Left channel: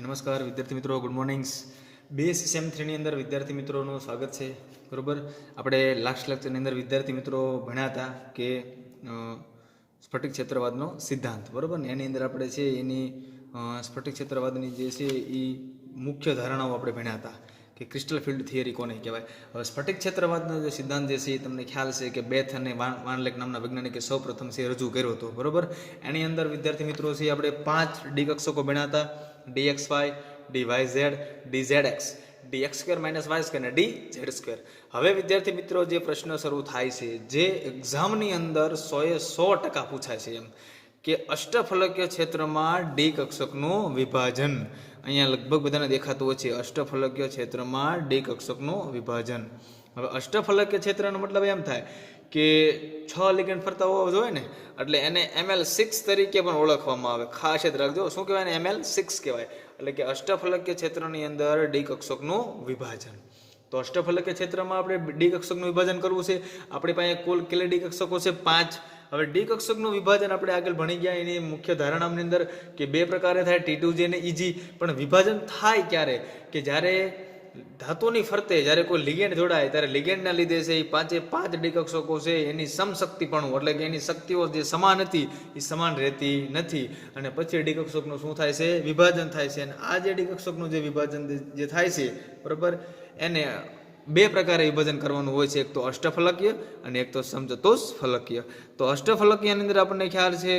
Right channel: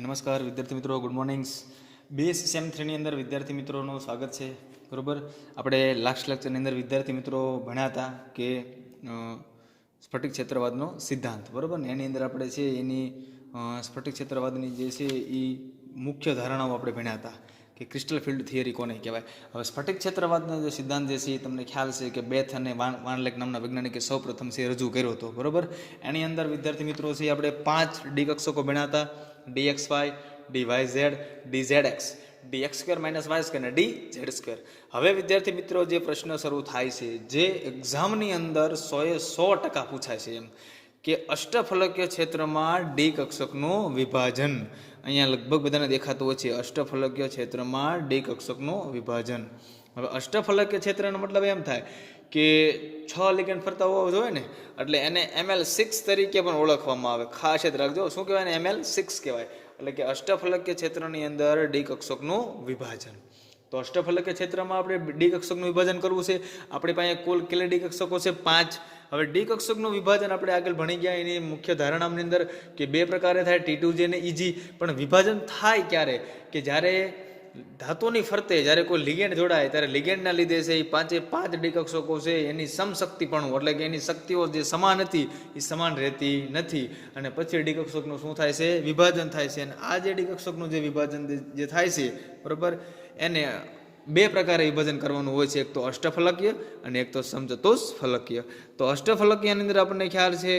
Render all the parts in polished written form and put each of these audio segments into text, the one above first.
નમસ્કાર વિદ્યાર્થી મિત્રો, ગુડ મોર્નિંગ્સ. બીએસસી સેમ 3ની અંદર વિદ્યાર્થી મિત્રોનું સ્વાગત છે. બરાબર, આપણે લાસ્ટ લેક્ચરની અંદર વિદ્યાર્થી મિત્રો ભણ્યા હતા કે સ્ફટિક ક્ષેત્રવાદનો સિદ્ધાંત. બરાબર ને, એની અંદર આપણે છે એની સ્ફટિક ક્ષેત્રવાદની જે છે એ મુખ્ય ધારણાઓ આપણે ભણ્યા હતા કે ક્રિસ્ટલ ફિલ્ડ થિયરી કોને કહેવાય. હવે સ્ફટિક ક્ષેત્રવાદનો જે સિદ્ધાંત જે છે એ તમને ખ્યાલ છે કે બેથ અને વાનલેક નામના વૈજ્ઞાનિકે સૌ પ્રથમ છે રજૂ કર્યો હતો. બરાબર, એની અંદર વિદ્યાર્થી મિત્રો છે આપણે 5 ડી કક્ષકો ભણ્યા હતા: dxy, dyz, dzx, dx² - y² અને dz². હવે વિદ્યાર્થી મિત્રો જે પ્રશ્ન શરૂ થાય છે, જે એક્ઝામની અંદર 100% પૂછાય છે, એમ કે અષ્ટફલકીય ક્ષેત્રમાં ડી કક્ષકનું વિભાજન. અહીંયા લગભગ બધાને દેખાતું હોય છે અષ્ટફલકીય ક્ષેત્રમાં ડી કક્ષકનું વિભાજન. હવે અષ્ટફલકીય ક્ષેત્રનો મતલબ એમ થાય કે 6 લિગેન્ડ ફરતા હોવા જોઈએ ને, એટલે એને ML6 તરીકે પણ ઓળખવામાં આવે. ખાસ યાદ રાખજો, શું કહેવાય? એને ML6 કહેવાય. એટલે કે અષ્ટફલકીય ક્ષેત્રની અંદર ડી કક્ષકનું વિભાજન. તો અષ્ટફલકીય ક્ષેત્રમાં આપણે ડી કક્ષકનું વિભાજન કરવું છે. આપણી પાસે કુલ કેટલા ડી કક્ષકો છે? 5. હવે ડી કક્ષકનું વિભાજન આપણે આગળ ભણી ગયા એની મુખ્ય ધારણાની અંદર કે 2 પ્રકારે થાય, T2J અને EG. પણ વિભાજન થાય ક્યારે? કે જ્યારે ધાતુની ફરતે જ્યારે કોઈ લિગેન્ડ જોડાય ત્યારે લિગેન્ડના લીધે છે એ 5 ડી કક્ષકો છે એની સમશક્તિપણું, એટલે કે એની શક્તિઓ જે સમાન હતી એ સમાન રહેતી નથી, અને પછી ડી કક્ષકનું શું થાય છે? વિભાજન થાય છે. અને આ જે ડી કક્ષકનું જે વિભાજન જે થાય છે, બરાબર, એને 2 પ્રકારે વિભાજન કરવાનું હોય છે. એક તો અષ્ટફલકીય અને એક તો સમચતુષ્ફલકીય. તો અષ્ટફલકીયની અંદર આપણને ખ્યાલ છે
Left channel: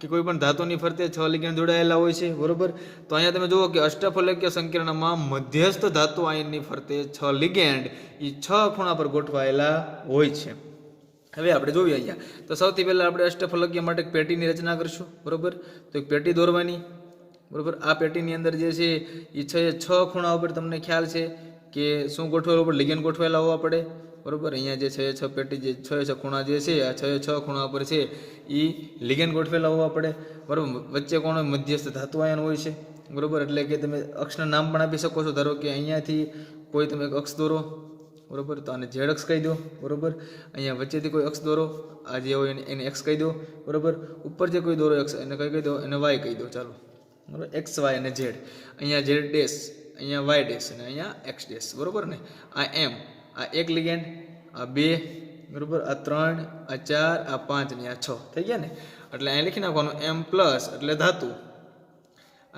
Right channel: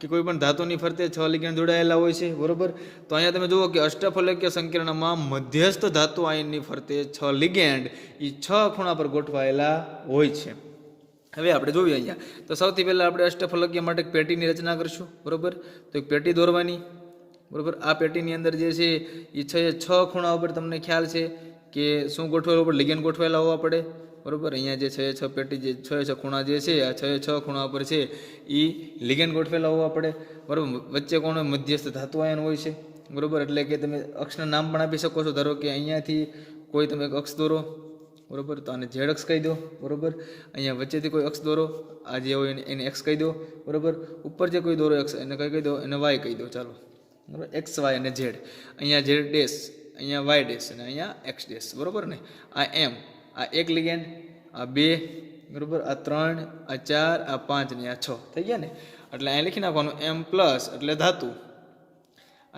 કે કોઈ પણ ધાતુની ફરતે 6 લિગેન્ડ જોડાયેલા હોય છે. બરોબર, તો અહીંયા તમે જુઓ કે અષ્ટફલકીય સંકીર્ણમાં મધ્યસ્થ ધાતુ આયનની ફરતે 6 લિગેન્ડ એ 6 ખૂણા પર ગોઠવાયેલા હોય છે. હવે આપણે જોઈએ અહીંયા, તો સૌથી પહેલાં આપણે અષ્ટફલકીય માટે એક પેટીની રચના કરીશું. બરોબર, તો એક પેટી દોરવાની. બરોબર, આ પેટીની અંદર જે છે એ 6 ખૂણા ઉપર તમને ખ્યાલ છે કે શું ગોઠવેલું ઉપર? લિગેન્ડ ગોઠવેલા હોવા પડે. બરોબર, અહીંયા જે 6 પેટી જે 6 ખૂણા જે છે, આ 6 ખૂણા ઉપર છે એ લિગેન્ડ ગોઠવેલા હોવા પડે. બરોબર, વચ્ચે કોણ? મધ્યસ્થ ધાતુ આયન હોય છે. બરોબર, એટલે કે તમે અક્ષના નામ પણ આપી શકો છો. ધારો કે અહીંયાથી કોઈ તમે એક અક્ષ દોરો. બરોબર, તો આને ઝેડ અક્ષ કહી દો. બરોબર, અહીંયા વચ્ચેથી કોઈ અક્ષ દોરો, આ જે હોય એને એક્સ કહી દો. બરોબર, ઉપર જે કોઈ દોરો અક્ષ એને કઈ કહી દો? એને વાય કહી દો. ચાલો, બરોબર, એક્સ વાય અને ઝેડ. અહીંયા ઝેડ ડેશ, અહીંયા વાય ડેશ અને અહીંયા એક્સ ડેશ. બરોબર ને, આ એમ, આ 1 લિગેન્ડ, આ 2, બરોબર, આ 3, આ 4, આ 5 ને આ 6 થઈ ગયા ને. એટલે અહીંયા લખી નાખવાનું M+ એટલે ધાતુ,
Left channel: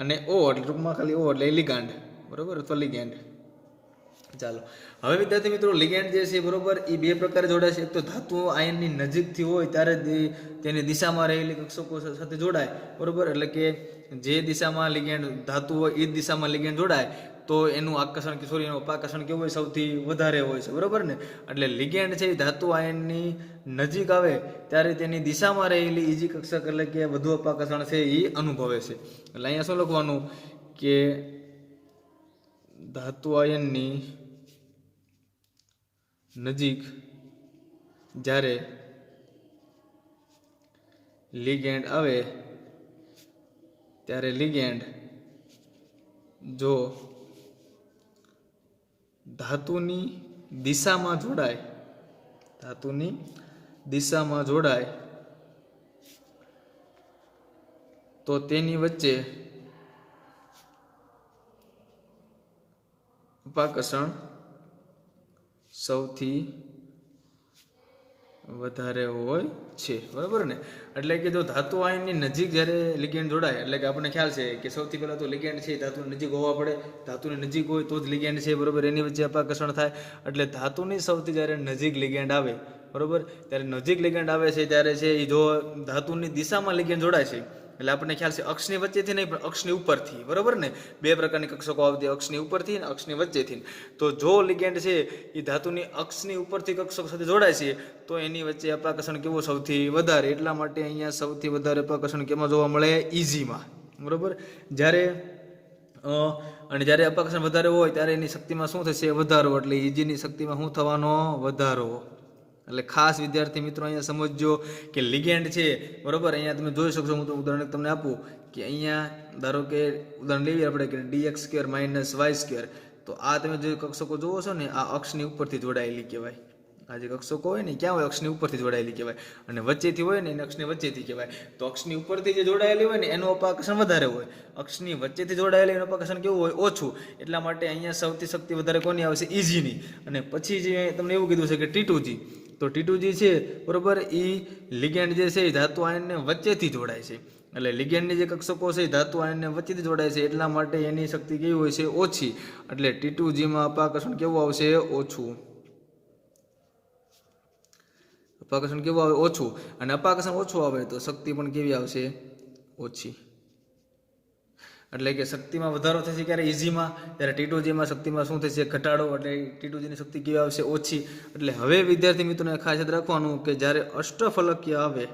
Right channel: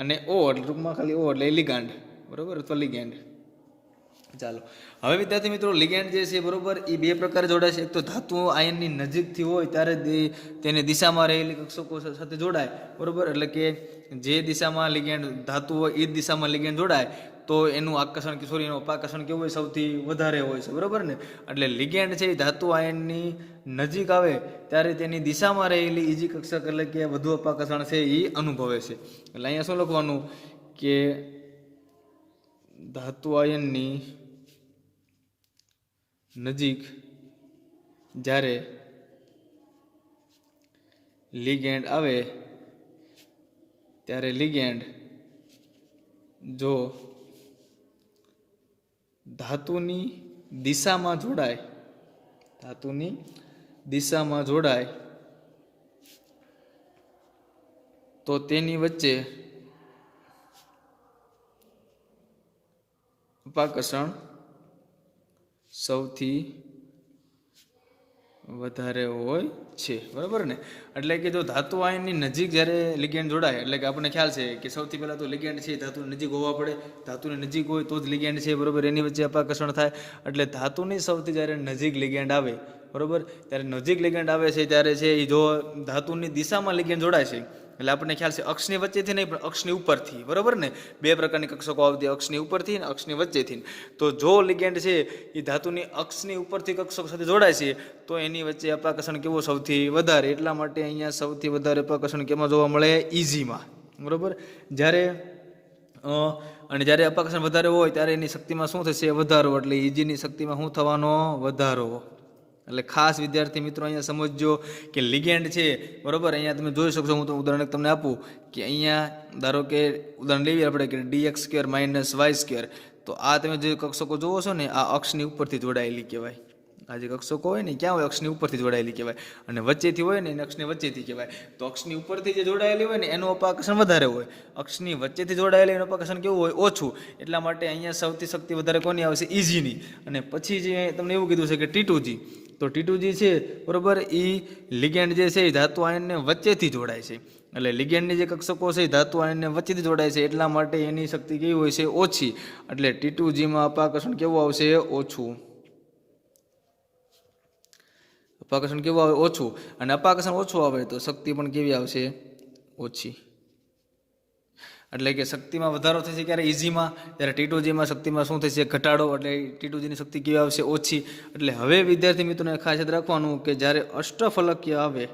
અને O એટલે ટૂંકમાં ખાલી O એટલે લિગાન્ડ. બરોબર, અથવા લિગેન્ડ. ચાલો, હવે વિદ્યાર્થી મિત્રો લિગેન્ડ જે છે, બરોબર, એ 2 પ્રકારે જોડાય છે. એક તો ધાતુ આયનની નજીકથી હોય ત્યારે તેની દિશામાં રહેલી કક્ષકો સાથે જોડાય. બરોબર, એટલે કે જે દિશામાં લિગેન્ડ ધાતુ હોય એ જ દિશામાં લિગેન્ડ જોડાય તો એનું આકર્ષણ કે સોરી એનું અપાકર્ષણ કેવું હોય? સૌથી વધારે હોય છે. બરોબર ને, એટલે લિગેન્ડ છે એ ધાતુ આયનની નજીક આવે ત્યારે તેની દિશામાં રહેલી ઈજી કક્ષક એટલે કે વધુ અપાકર્ષણ છે એ અનુભવે છે. એટલે અહીંયા શું લખવાનું કે ધાતુ આયનની નજીક જ્યારે લિગેન્ડ આવે ત્યારે લિગેન્ડ જો ધાતુની દિશામાં જોડાય તો તેની વચ્ચે અપાકર્ષણ સૌથી વધારે હોય છે. બરાબર ને, એટલે કે જો ધાતુ આયનની નજીક જ્યારે લિગેન્ડ જોડાય, એટલે કે આપણને ખ્યાલ છે કે સૌથી પહેલાં તો લિગેન્ડ છે ધાતુની નજીક હોવા પડે. ધાતુની નજીક હોય તો જ લિગેન્ડ છે. બરાબર, એની વચ્ચે અપાકર્ષણ થાય. એટલે ધાતુની સૌથી જ્યારે નજીક લિગેન્ડ આવે, બરાબર, ત્યારે નજીક લિગેન્ડ આવે છે ત્યારે છે એ જો ધાતુની દિશામાં લિગેન્ડ જોડાય છે, એટલે આપણને ખ્યાલ છે અક્ષની વચ્ચેથી નહીં પણ અક્ષની ઉપરથી. બરાબર ને, 2 પ્રકારની કક્ષકો આવતી, અક્ષની ઉપરથી અને અક્ષની વચ્ચેથી. તો જો લિગેન્ડ છે એ ધાતુની અક્ષની ઉપરથી કક્ષક સાથે જોડાય છે તો એની વચ્ચે અપાકર્ષણ કેવું? સૌથી વધારે. એટલા માટે અહીંયા સૌથી વધારે અપાકર્ષણ કેમાં જોવા મળે? ઈજીમાં. બરાબર, જ્યારે અપાકર્ષણ વધારે હોય ત્યારે એની શક્તિમાં શું થશે? વધારો. એટલે ઈજીની શક્તિમાં શું થવાનો? વધારો. એટલે ખાસ વિદ્યાર્થી મિત્રો અહીંયા સમજજો કે લિગેન્ડ છે, બરોબર, અહીંયા તમે જોઈ શકશો. હું તો ઉદાહરણ તમને આપું કે અહીંયા ધારો કે ઉદાહરણ લેવી આપણે કે dx² - y². તો આ તમે જે કક્ષકો જોવો છો ને, આ અક્ષની ઉપરથી જોડાયેલી કહેવાય. આ જે કક્ષકો હોય ને ક્યાં હોય, અક્ષની ઉપરથી જોડાયેલી કહેવાય, અને વચ્ચેથી હોય ને એને અક્ષની વચ્ચેથી કહેવાય. તો અક્ષની ઉપરથી જે જોડાયેલી હોય ને એનું અપાકર્ષણ વધારે હોય, અક્ષની વચ્ચેથી જોડાયેલી એનું અપાકર્ષણ કેવું હોય, ઓછું. એટલા માટે અહીંયા સૌથી શક્તિ વધારે કોની આવશે, ઇજીની. અને પછી જે તમને એવું કીધું છે કે T2G, તો T2G છે બરોબર, એ લિગેન્ડ જે છે એ ધાતુ આયનને વચ્ચેથી જોડાય છે. એટલે લિગેન્ડની જે કક્ષકો છે એ ધાતુ આયનને વચ્ચેથી જોડાય છે, એટલા માટે એની શક્તિ કેવી હોય છે, ઓછી. એટલે T2Gમાં અપાકર્ષણ કેવું આવશે, ઓછું. અપાકર્ષણ કેવું આવે, ઓછું. અને અપાકર્ષણ ઓછું આવે તો શક્તિ પણ કેવી આવશે, ઓછી. એટલે કે શક્તિમાં વધારો થશે ક્યારે, ઇઝીમાં. જ્યારે T2Gમાં શક્તિમાં શું થશે, ઘટાડો. એટલે T2Gની શક્તિ કેવી આવશે, ઓછી. એટલે હવે વિદ્યાર્થી મિત્રોને ખાસ યાદ રાખવાનું કે જ્યારે અષ્ટફલકીય આવે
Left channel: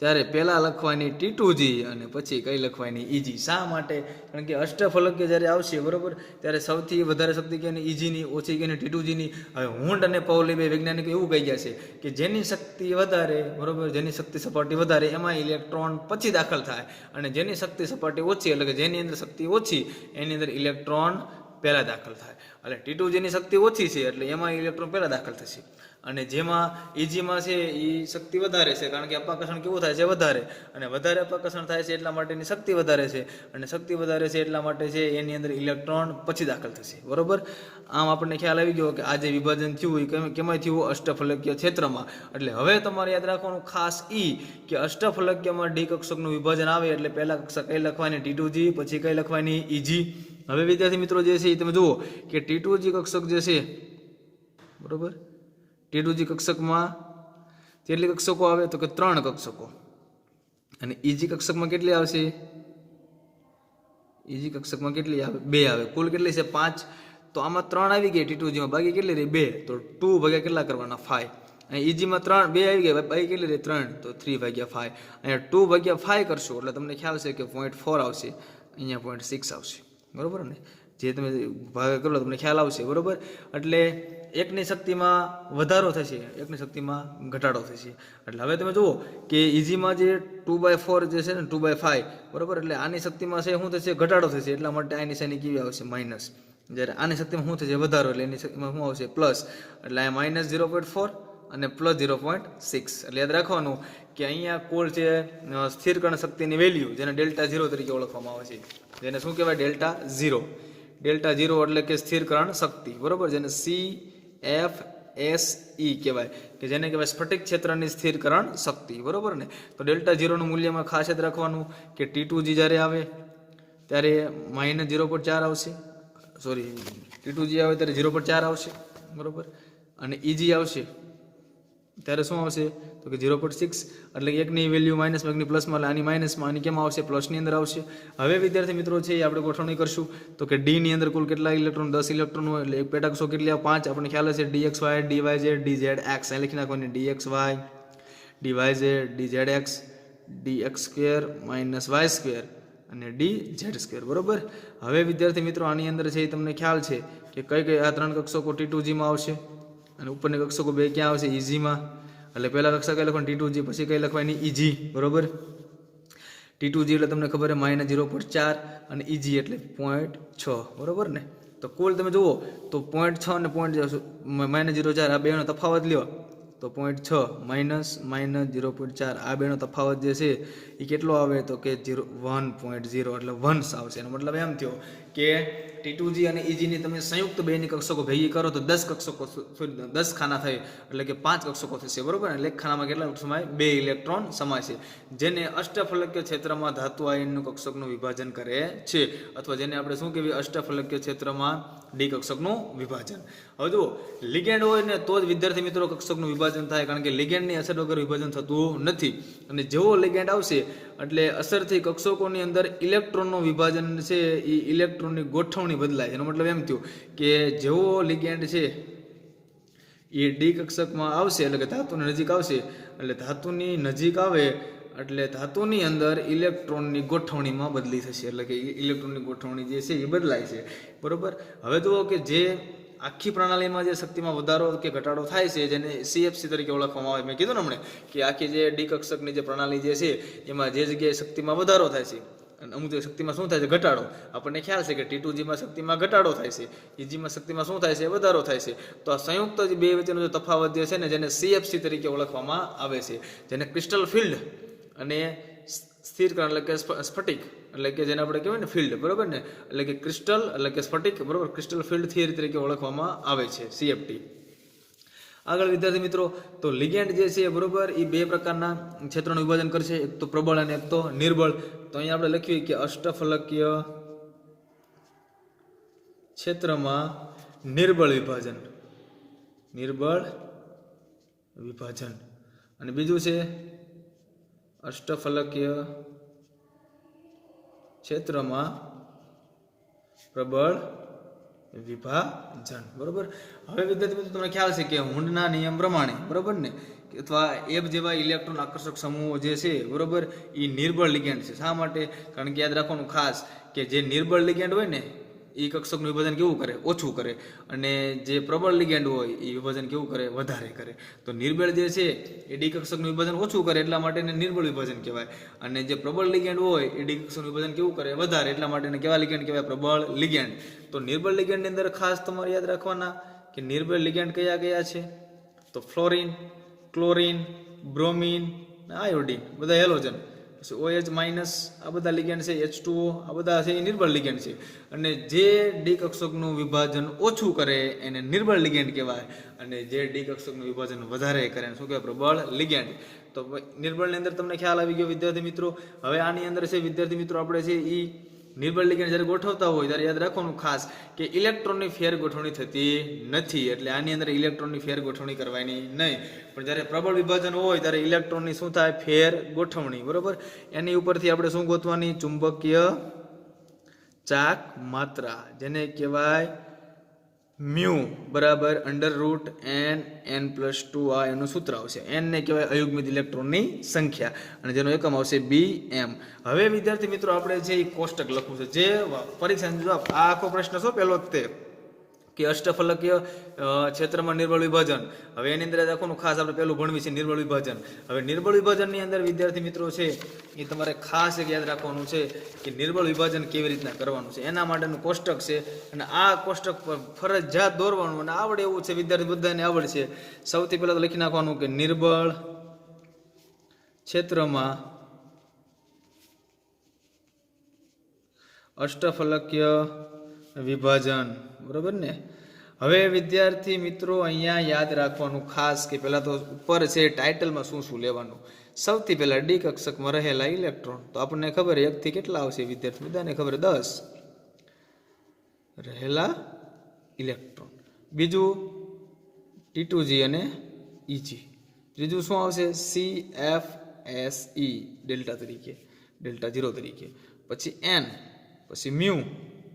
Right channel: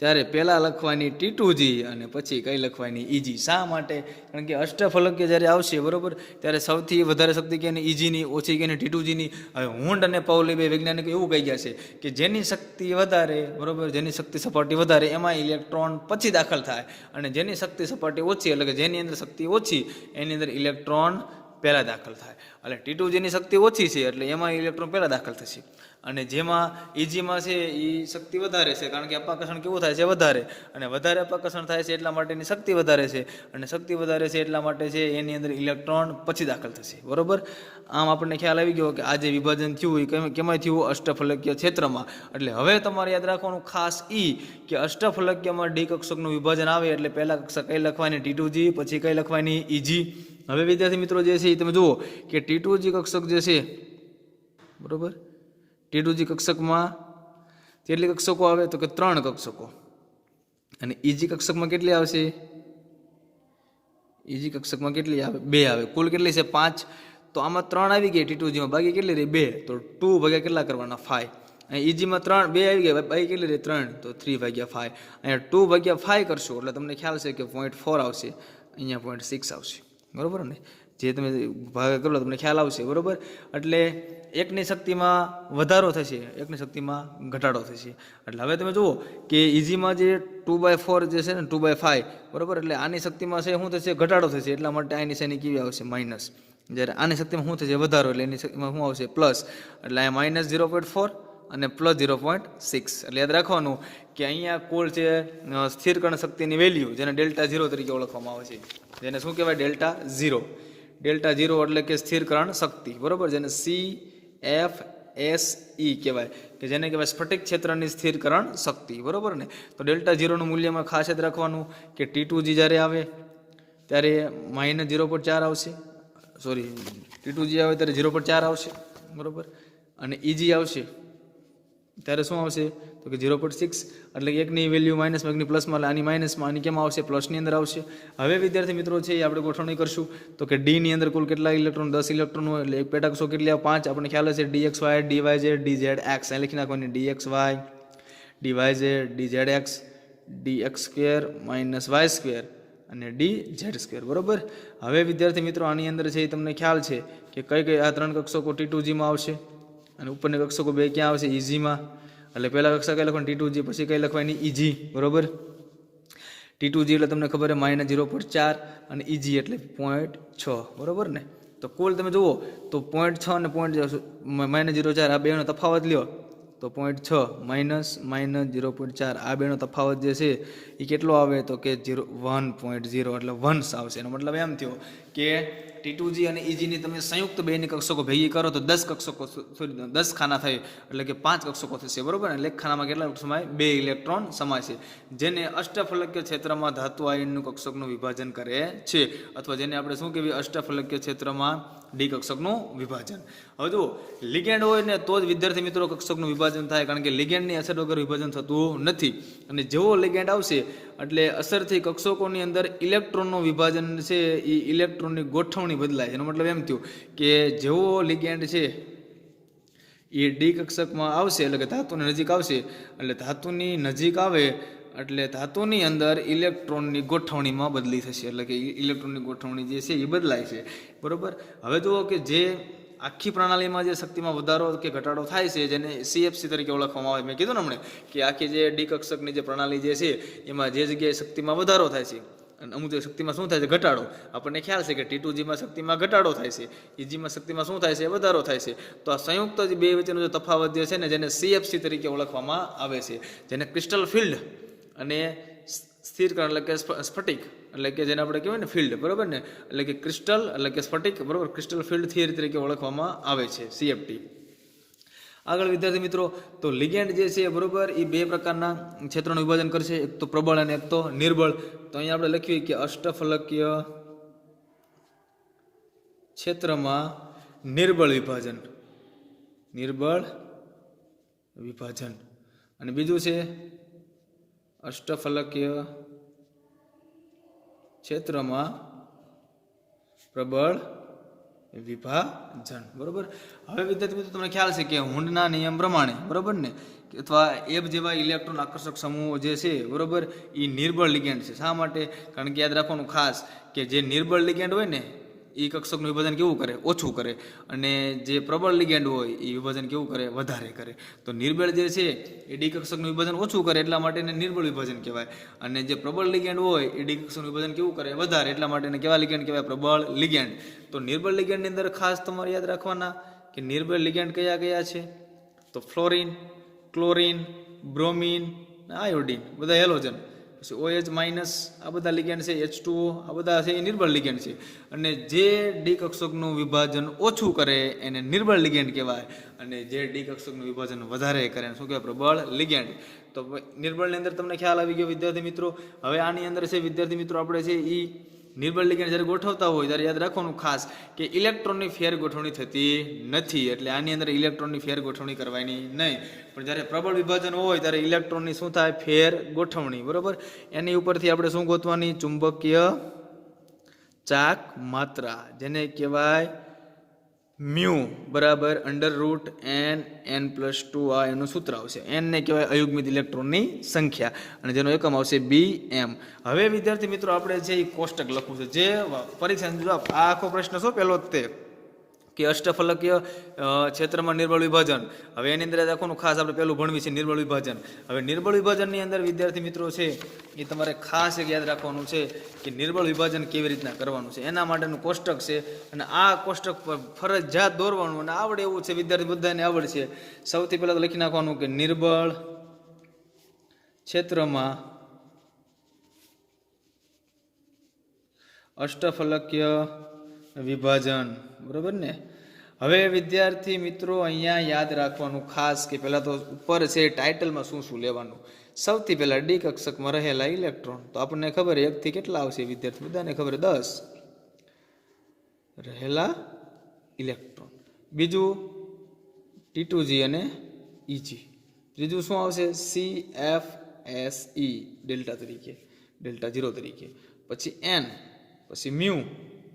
ત્યારે પહેલાં લખવાની T2G અને પછી કઈ લખવાની, ઇજી. શા માટે? કારણ કે અષ્ટફલકીય જ્યારે આવશે બરોબર, ત્યારે સૌથી વધારે શક્તિ કે ઇજીની, ઓછી કે T2Gની. હવે હુન્ડ અને પાઉલી બે વૈજ્ઞાનિકો એવું કહી ગયા છે કે જેની શક્તિ વધારે બરોબર, જેની શક્તિ સપાટી વધારે એમાં ઇલેક્ટ્રોન પછી દાખલ થાય, અને જેની શક્તિ સપાટી ઓછી એટલે કે જેની અંદર શક્તિ ઓછી એની અંદર ઇલેક્ટ્રોન પહેલાં દાખલ થાય. એટલે T2Gની શક્તિ ઓછી છે એટલે એમાં ઇલેક્ટ્રોન પહેલાં દાખલ થશે, અને જેમાં ઇજીમાં છે એ શક્તિ વધારે છે, કારણ કે અપાકર્ષણ કેવું થાય છે, વધારે. અને વધારે અપાકર્ષણ થાય છે એટલા માટે એની શક્તિ વધારે છે, અને શક્તિ વધારે છે એટલા માટે છે એની અંદર ઇલેક્ટ્રોન પછી દાખલ થશે બરોબર. આમ આપણને ખ્યાલ આવી ગયો કે આ જે વિભાજન થયું એ કેમાં થયું, અષ્ટફલકીય ક્ષેત્રમાં. એટલે હવે તમારે યાદ રાખવાનું ખાસ કે અષ્ટફલકીયમાં ડી કક્ષકનું વિભાજન આવે એટલે પહેલા કક્ષક કઈ લખવાની, T2G, પછી કઈ લખવાની, ઇજી. હવે વિદ્યાર્થી મિત્રો જે છે તમે જુઓ કે T2G કક્ષક જે છે બરોબર, T2G કક્ષકમાં કેટલી કક્ષકો આવે તો કે 3 કક્ષકો. અને ઇજી કક્ષકમાં કેટલી આવશે, ઇજી કક્ષકમાં કેટલી આવે, 2 આવે. કુલ કેટલી છે, 5. તો આમાં 3 આવી ગઈ T2Gમાં, બાકી કેટલી રહી, 2. તો 2 ભાગ્યા કેટલા કરવાના, 5. અને ઇજીમાં 2 આવી ગયા, બાકી કેટલી રહી, 3. તો 3 ભાગ્યા 5. અને 2 ભાગ્યા 5 કરશો એટલે તમને ખ્યાલ છે કે 0.4 આવશે, અહીંયા 0.6 આવશે બરોબર ને. જે તમે ભાગ કરો તમને ખ્યાલ આવશે બરોબર. એટલે એકની શક્તિમાં વધારો થશે, એકની શક્તિમાં ઘટાડો થશે. એટલે હવે તમે જુઓ કે ઇઝીમાં જે 2/4 જે છે ને 2/5 બરોબર, એટલે આની શક્તિમાં છે શું થશે, ઘટાડો થશે. એટલા માટે આ નિશાની કેવી આવશે, માઇનસ. જ્યારે આની શક્તિમાં શું થશે, વધારો, એટલે એની શક્તિમાં શું આવશે, પ્લસ. એટલે આ માઇનસ 0.4 અને પ્લસ 0.6. એટલે યાદ રાખવાનું કે અહીંયા કુલ છે સ્થિર કણ શક્તિની વેલ્યુ, જેને Δ0 તરીકે ઓળખવામાં આવે છે, જેને શું કહેવાય, Δ0. Δ0 એટલે કે સ્થિર કણ શક્તિ બરોબર, જેને CFSE કહેવાય, કે જેને કહેવાય સ્ફટિક ક્ષેત્રની સ્થિરકરણ શક્તિ બરોબર ને. તો Δ0 નું મૂલ્યમાં ખાસ યાદ રાખવાનું કે T2G જ્યારે આવે ત્યારે -0.4 આવશે, સોરી T2G આવે ત્યારે 0.4 આવશે બરોબર, અને ઇજી આવશે ત્યારે શું આવશે તો કે 0.6. એટલે કે એકની વેલ્યુ માઇનસમાં, એકની પ્લસમાં, એટલે આની માઇનસમાં, આની કેમ આવશે, પ્લસની અંદર આવશે. હવે વિદ્યાર્થી મિત્રો છે એ આપણે ગોઠવણી કરશું તો કે ડીની અંદર કુલ કેટલા ઇલેક્ટ્રોન, 10 ઇલેક્ટ્રોન હોય. એટલે એક પેટાકક્ષો કેટલી આવે, 5. આપણને ખ્યાલ હશે DXY, DYZ, DZX. અહીં લખી નાખવાની DXY, DYZ, DZX, DX² -Y² અને DZ² બરોબર. હવે વિદ્યાર્થી મિત્રો આની અંદર છે એ તમને ખ્યાલ છે કે કઈ કઈ આ 3 કક્ષકો T2Gમાં આવશે, અને ઉપરની કક્ષકો 2 ક્યાં આવશે, ઇઝીમાં. એટલે પહેલા કક્ષક કઈ લખવાની, T2G, પછી કઈ લખવાની, ઇજી બરોબર. T2G એટલે તમને ખબર છે -0.4 અને ઇજી એટલે 0.6 બરોબર ને. તો કુલ તમે જુઓ તો 0.6 અને -0.4 આ બેનો તફાવત લ્યો તો 0.6 -0.4 આ બેનો તફાવત જે છે એ કેટલો આવે તો કે 1.0 એટલે 1 આવશે. એનો મતલબ એમ થયો કે T2G અને ઇજીની તમે સંયુક્ત બેની કક્ષકો ભેગી કરો તો 10 કક્ષકો, સોરી 10 ખાના થાય, એટલે કે 5 કક્ષકો થશે બરોબર ને. એક ખાનામાં કેટલા સમાય, 2 ઇલેક્ટ્રોન સમાય છે, જેને અષ્ટફલકીય ક્ષેત્રમાં ધાતુ આયનનું કક્ષકનું વિભાજન કરે છે, અથવા જેને આપણે શું કહેવાય, અષ્ટફલકીય ક્ષેત્રમાં ડી કક્ષકનું વિભાજન. હવે જુઓ લિગેન્ડ હોય ને તો જ વિદ્યાર્થી મિત્રો કક્ષકનું વિભાજન થાય, કારણ કે લિગેન્ડની અસર વગર વિભાજન થતું નથી. અને જેવો લિગેન્ડ આવશે એટલે અસરથી કક્ષકોની અંદર ઇલેક્ટ્રોનનું વિભાજન છે એ ઇલેક્ટ્રોનની ગોઠવણી બદલાય. એનો મતલબ એમ થયું કે જેવો લિગેન્ડ છે એ ડી કક્ષકમાં આવશે એટલે કે ધાતુની નજીક આવશે, એટલે ધાતુની નજીક આવે એટલે ધાતુની અંદર ઇલેક્ટ્રોનની ગોઠવણીમાં બદલી થશે, એટલે કે ઇલેક્ટ્રોનની ગોઠવણી જે છે એ બદલાય છે બરોબર. હવે જુઓ કે જે આખી પ્રણાલીમાં જે શક્તિમાં વધારો કે ઘટાડો થાય છે જેને CFC તરીકે ઓળખવામાં આવે, મેં કીધું ને હમણાં કે આખી જે ડી કક્ષકની જે પ્રણાલી જે છે એમાં જે જગ્યાએ શક્તિમાં વધારો થાય છે અને અમુક શક્તિમાં શું થાય છે? ઘટાડો. આપણને ખ્યાલ છે કે T2Gમાં શક્તિમાં ઘટાડો થાય છે, Eg-માં શક્તિમાં શું થાય છે? વધારો થાય છે. તો આ સંયુક્ત જે બે વચ્ચેનો જે તફાવત જે છે ને, જેને CFC તરીકે ઓળખવામાં આવે છે, જેને ક્રિસ્ટલ ફિલ્ડ અને સ્થિરકરણ એટલે કે સ્ફટિક એટલે કે જેને આપણે કહેવાય ને ફિલ્ડ, બરોબર ને, એટલે કે ક્રિસ્ટલ એટલે કે સ્ફટિક, બરોબર, ક્રિસ્ટલ ફિલ્ડ થિયરી તરીકે ઓળખવામાં આવે છે, CFT. આગળ વિદ્યાર્થી મિત્રો, તો લિગેન્ડ જે છે, બરોબર, એ બે પ્રકારના ક્ષેત્રોનું વિભાજન કરશે, એક તો પ્રબળ અને એક તો નિર્બળ. તો અહીંયા આપણે લખીએ કે અષ્ટફલકીય ક્ષેત્રમાં નિર્બળ વિભાજન, અને બીજું છે અષ્ટફલકીય ક્ષેત્રમાં પ્રબળ વિભાજન, બરોબર. હવે વિદ્યાર્થી મિત્રો તમને ખ્યાલ છે કે હુન્ડના નિયમ પ્રમાણે, બરોબર ને, અથવા એબ જેવા ઇલેક્ટ્રોન આકર્ષક સમૂહો જે છે, બરોબર, એ નિર્બળ લિગેન્ડ છે. શા માટે? કારણ કે યાદ રાખવાનું ખાસ કે જે નિર્બળ લિગેન્ડ હોય ને, એ કક્ષકનું વિભાજન કેવું કરે? ઓછું કરે. અને જે પ્રબળ લિગેન્ડ હોય એ વિભાજન કેવું કરે? વધારે કરે. તો નિર્બળ જે છે એ ડી કક્ષકનું વિભાજન ઓછું કરે, એટલા માટે એને નિર્બળ વિભાજન કહેવાય. અને જે પ્રબળ લિગેન્ડ હોય એ ડી કક્ષકનું વિભાજન કેવું કરે? વધારે, એટલા માટે એને કેવા લિગેન્ડ કહેવાય? પ્રબળ લિગેન્ડ. તો નિર્બળ લિગેન્ડની અંદર ખાસ તમારે યાદ રાખવાના કે નિર્બળ લિગેન્ડ કયા કયા છે? તો ફ્લોરિન, ક્લોરિન, બ્રોમિન, આયોડિન, બધા હેલોજન. પછી OH માઇનસ, આ બધા લિગેન્ડ છે, H2O, આ બધા છે એ નિર્બળ લિગેન્ડ છે. અને જે ડી કક્ષકનું વિભાજન ઓછું કરે એને નિર્બળ લિગેન્ડ કહેવાય, અને જે ડી કક્ષકનું વિભાજન વધારે કરે એને શું કહેવાય? પ્રબળ લિગેન્ડ. તો નિર્બળની અંદર તમને ખ્યાલ આવી ગયો વિદ્યાર્થી મિત્રો. હવે આની અંદર છે વિદ્યાર્થી મિત્રો, આપણે છે એ નિર્બળ લિગેન્ડ જ્યારે ગોઠવતા હોય ત્યારે યાદ રાખવાનું ખાસ કે ઇલેક્ટ્રોનની ફેર ગોઠવણી થતી નથી, એટલે આની અંદર ઇલેક્ટ્રોનની ફેર ગોઠવણી કરવાની નહીં. પણ જ્યારે પ્રબળ વિભાજન હોય ત્યારે ઇલેક્ટ્રોનની શું થાય? ફેર ગોઠવણી, બરોબર. એની ઉપરથી આપણે શું ગોતવાની? ચુંબકીય ચાક માત્રા, જેને કહેવાય મ્યુ બરાબર √n+2, આ એનું સૂત્ર આવશે. n ને કહેવાય અયુગ્મિત ઇલેક્ટ્રોનની સંખ્યા, અને જેનો એકમ આવશે Bm. હવે વિદ્યાર્થી મિત્રો આપણે જે કોષ્ટક લખવું છે, જે પરીક્ષાનો જવાબ, આ આખો પ્રશ્ન શું પહેલો જ તે કે અષ્ટફલકીય ક્ષેત્રમાં નિર્બળ વિભાજન. હવે એની અંદર રાખવાનું ખાસ આપણે પહેલું ભણવી છે નિર્બળ વિભાજન. હવે નિર્બળ વિભાજનની અંદર વિદ્યાર્થી મિત્રો છે એ તમારે ખાસ એક યાદ રાખવાનું છે કે નિર્બળ વિભાજન કેવી રીતના કરવાનું છે, એના માટેનું કોષ્ટક છે. અને આ કોષ્ટક પર ફરજિયાત દોરવાનું, અને આવડે એવું છે વિદ્યાર્થી બધાને આવડશે. સૌથી પહેલા તો લખી નાખવાનું કે નિર્બળ ક્ષેત્રમાં અષ્ટફલકીય વિભાજન, બરોબર ને. હવે વિદ્યાર્થી મિત્રો અહીંયા યાદ રાખવાનું ખાસ કે પહેલા તો ઉપર છે ટાઇટલમાં શું શું લેવાનું. સૌથી પહેલા ડી કક્ષકમાં રહેલા ઇલેક્ટ્રોન, તો આપણને ખબર 1 થી કેટલા આવશે વિદ્યાર્થી બધાને ખબર 10 રહેલા ઇલેક્ટ્રોન. બીજું T2G અને Eg. ત્રીજું શું આવશે? CFSE ડેલ્ટા તરીકે, ડેલ્ટા 0 તરીકે. પછી n, પછી મ્યુ,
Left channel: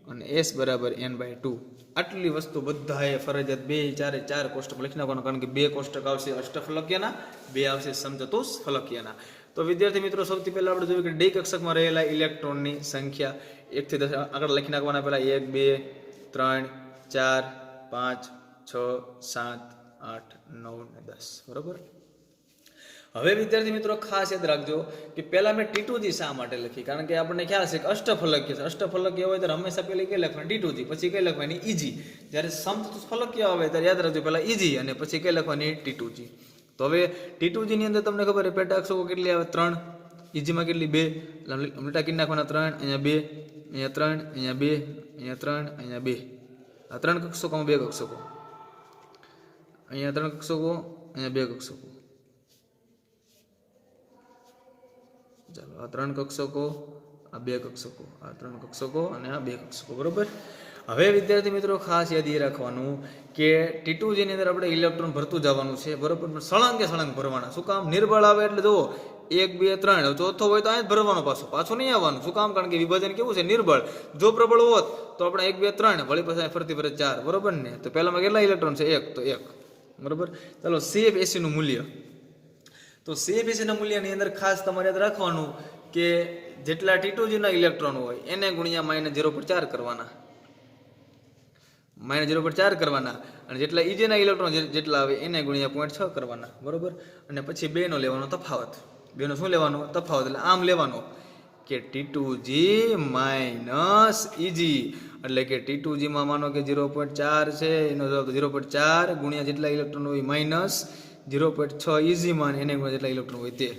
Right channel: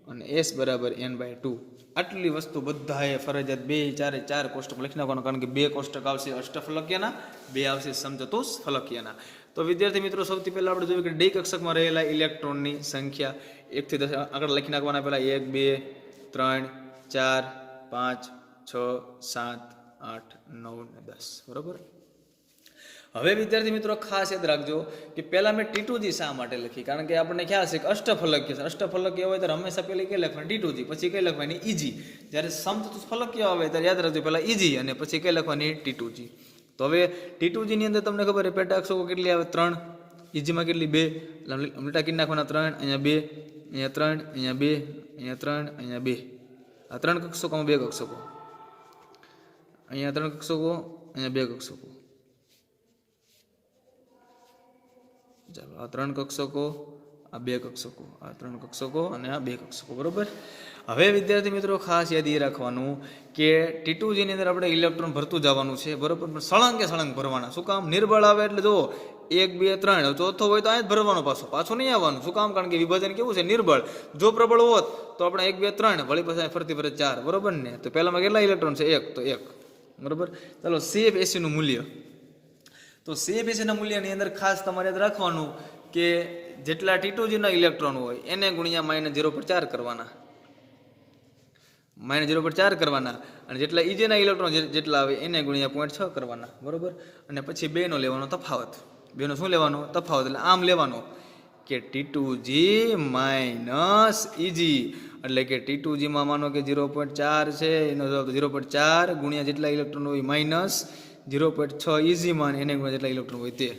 અને S બરાબર n/2. આટલી વસ્તુ બધાએ ફરજિયાત 4 કોષ્ટક લખી નાખવાનું, કારણ કે 2 કોષ્ટક આવશે અષ્ટફલકીયના, 2 આવશે સમચતુષ્ફલકીયના. તો વિદ્યાર્થી મિત્રો સૌથી પહેલા આપણે જોયું કે ડી કક્ષકમાં રહેલા ઇલેક્ટ્રોનની સંખ્યા 1 થી 10 આગળ લખી નાખવાના. પહેલા 1, 2, 3, 4, 5, 6, 7, 8, 9 અને 10, બરોબર. હવે વિદ્યાર્થી મિત્રો ખાસ યાદ રાખજો કે પહેલા મેં T2G શા માટે લખી? કારણ કે આપણને ખ્યાલ છે કે અષ્ટફલકીય છે. અષ્ટફલકીય હોય ત્યારે હંમેશા પહેલી કઈ લખવાની? T2G, પછી કઈ લખવાની? Eg. જ્યારે સમચતુષ્ફલકીય આવે ત્યારે યાદ રાખજો પહેલા Eg અને પછી કઈ લખવાની? T2G. તો હવે T2G ની અંદર તમને ખબર છે પેટા અક્ષકો કેટલી આવે? 3. Eg માં કેટલી? 2. ઉલટા કરી નાખવાના 3, અહીંયા 2, અહીંયા 3, અહીંયા 2, અહીંયા 3, અહીંયા 2. આ 3 કક્ષકોમાં 2 કક્ષકો, અહીંયા 3 કક્ષકો, અહીંયા 2 કક્ષકો. ચાલો, આ 3 કક્ષકો, આ 2 કક્ષકો, આ 3 કક્ષકો અને આ 2 કક્ષકો, બરોબર. હવે વિદ્યાર્થી મિત્રો ખાસ યાદ એ રાખવાનું કે T2G ની અંદર આપણે ઇલેક્ટ્રોન ભરતું જવાનું છે, બરોબર. સળંગે સળંગ ભરવાના. શું કામ? નિર્બળ આવે એટલે જુઓ 1, 2, 3, ચોથો હોય તો અહીંયા જ ભરવાનો, પાછું નહીં આવવાનું. શું કામ? કારણ કે વિભાજન કેવું છે? નિર્બળ. જો પ્રબળ હોત તો આપણે 1, 2, 3 વળી પછી ફરતી ફરે 4, બરોબર ને. તો પહેલામાં કેટલા ઇલેક્ટ્રોન છે? 1, તો 1, બરોબર. ચાલો CFSE નું મૂલ્ય. તો CFSE ના મૂલ્યની અંદર ખાસ તમારે યાદ રાખવાનું કે જેટલા T2G ના ઇલેક્ટ્રોન હોય એને ગુણ્યા -0.4 કરવાના, -0.4 કરવાના. અને જેટલા Eg ના ઇલેક્ટ્રોન જેટલા આવે એને ગુણ્યા 0.6 કરવાના, બરોબર. અને પછી 2 નો લેવાનો તફાવત. 2 નો શું લેવાનો? તફાવત. એટલે આમ લેવાનો કે T2G માઇનસ EG, એટલે કે T2G માં માનો કે 0.4 છે, એનો જવાબ 0.4 ગુણ્યા જેટલા ઇલેક્ટ્રોન હોય માઇનસ 0.6 EG માં, એને ગુણ્યા જેટલા ઇલેક્ટ્રોન હોય તે.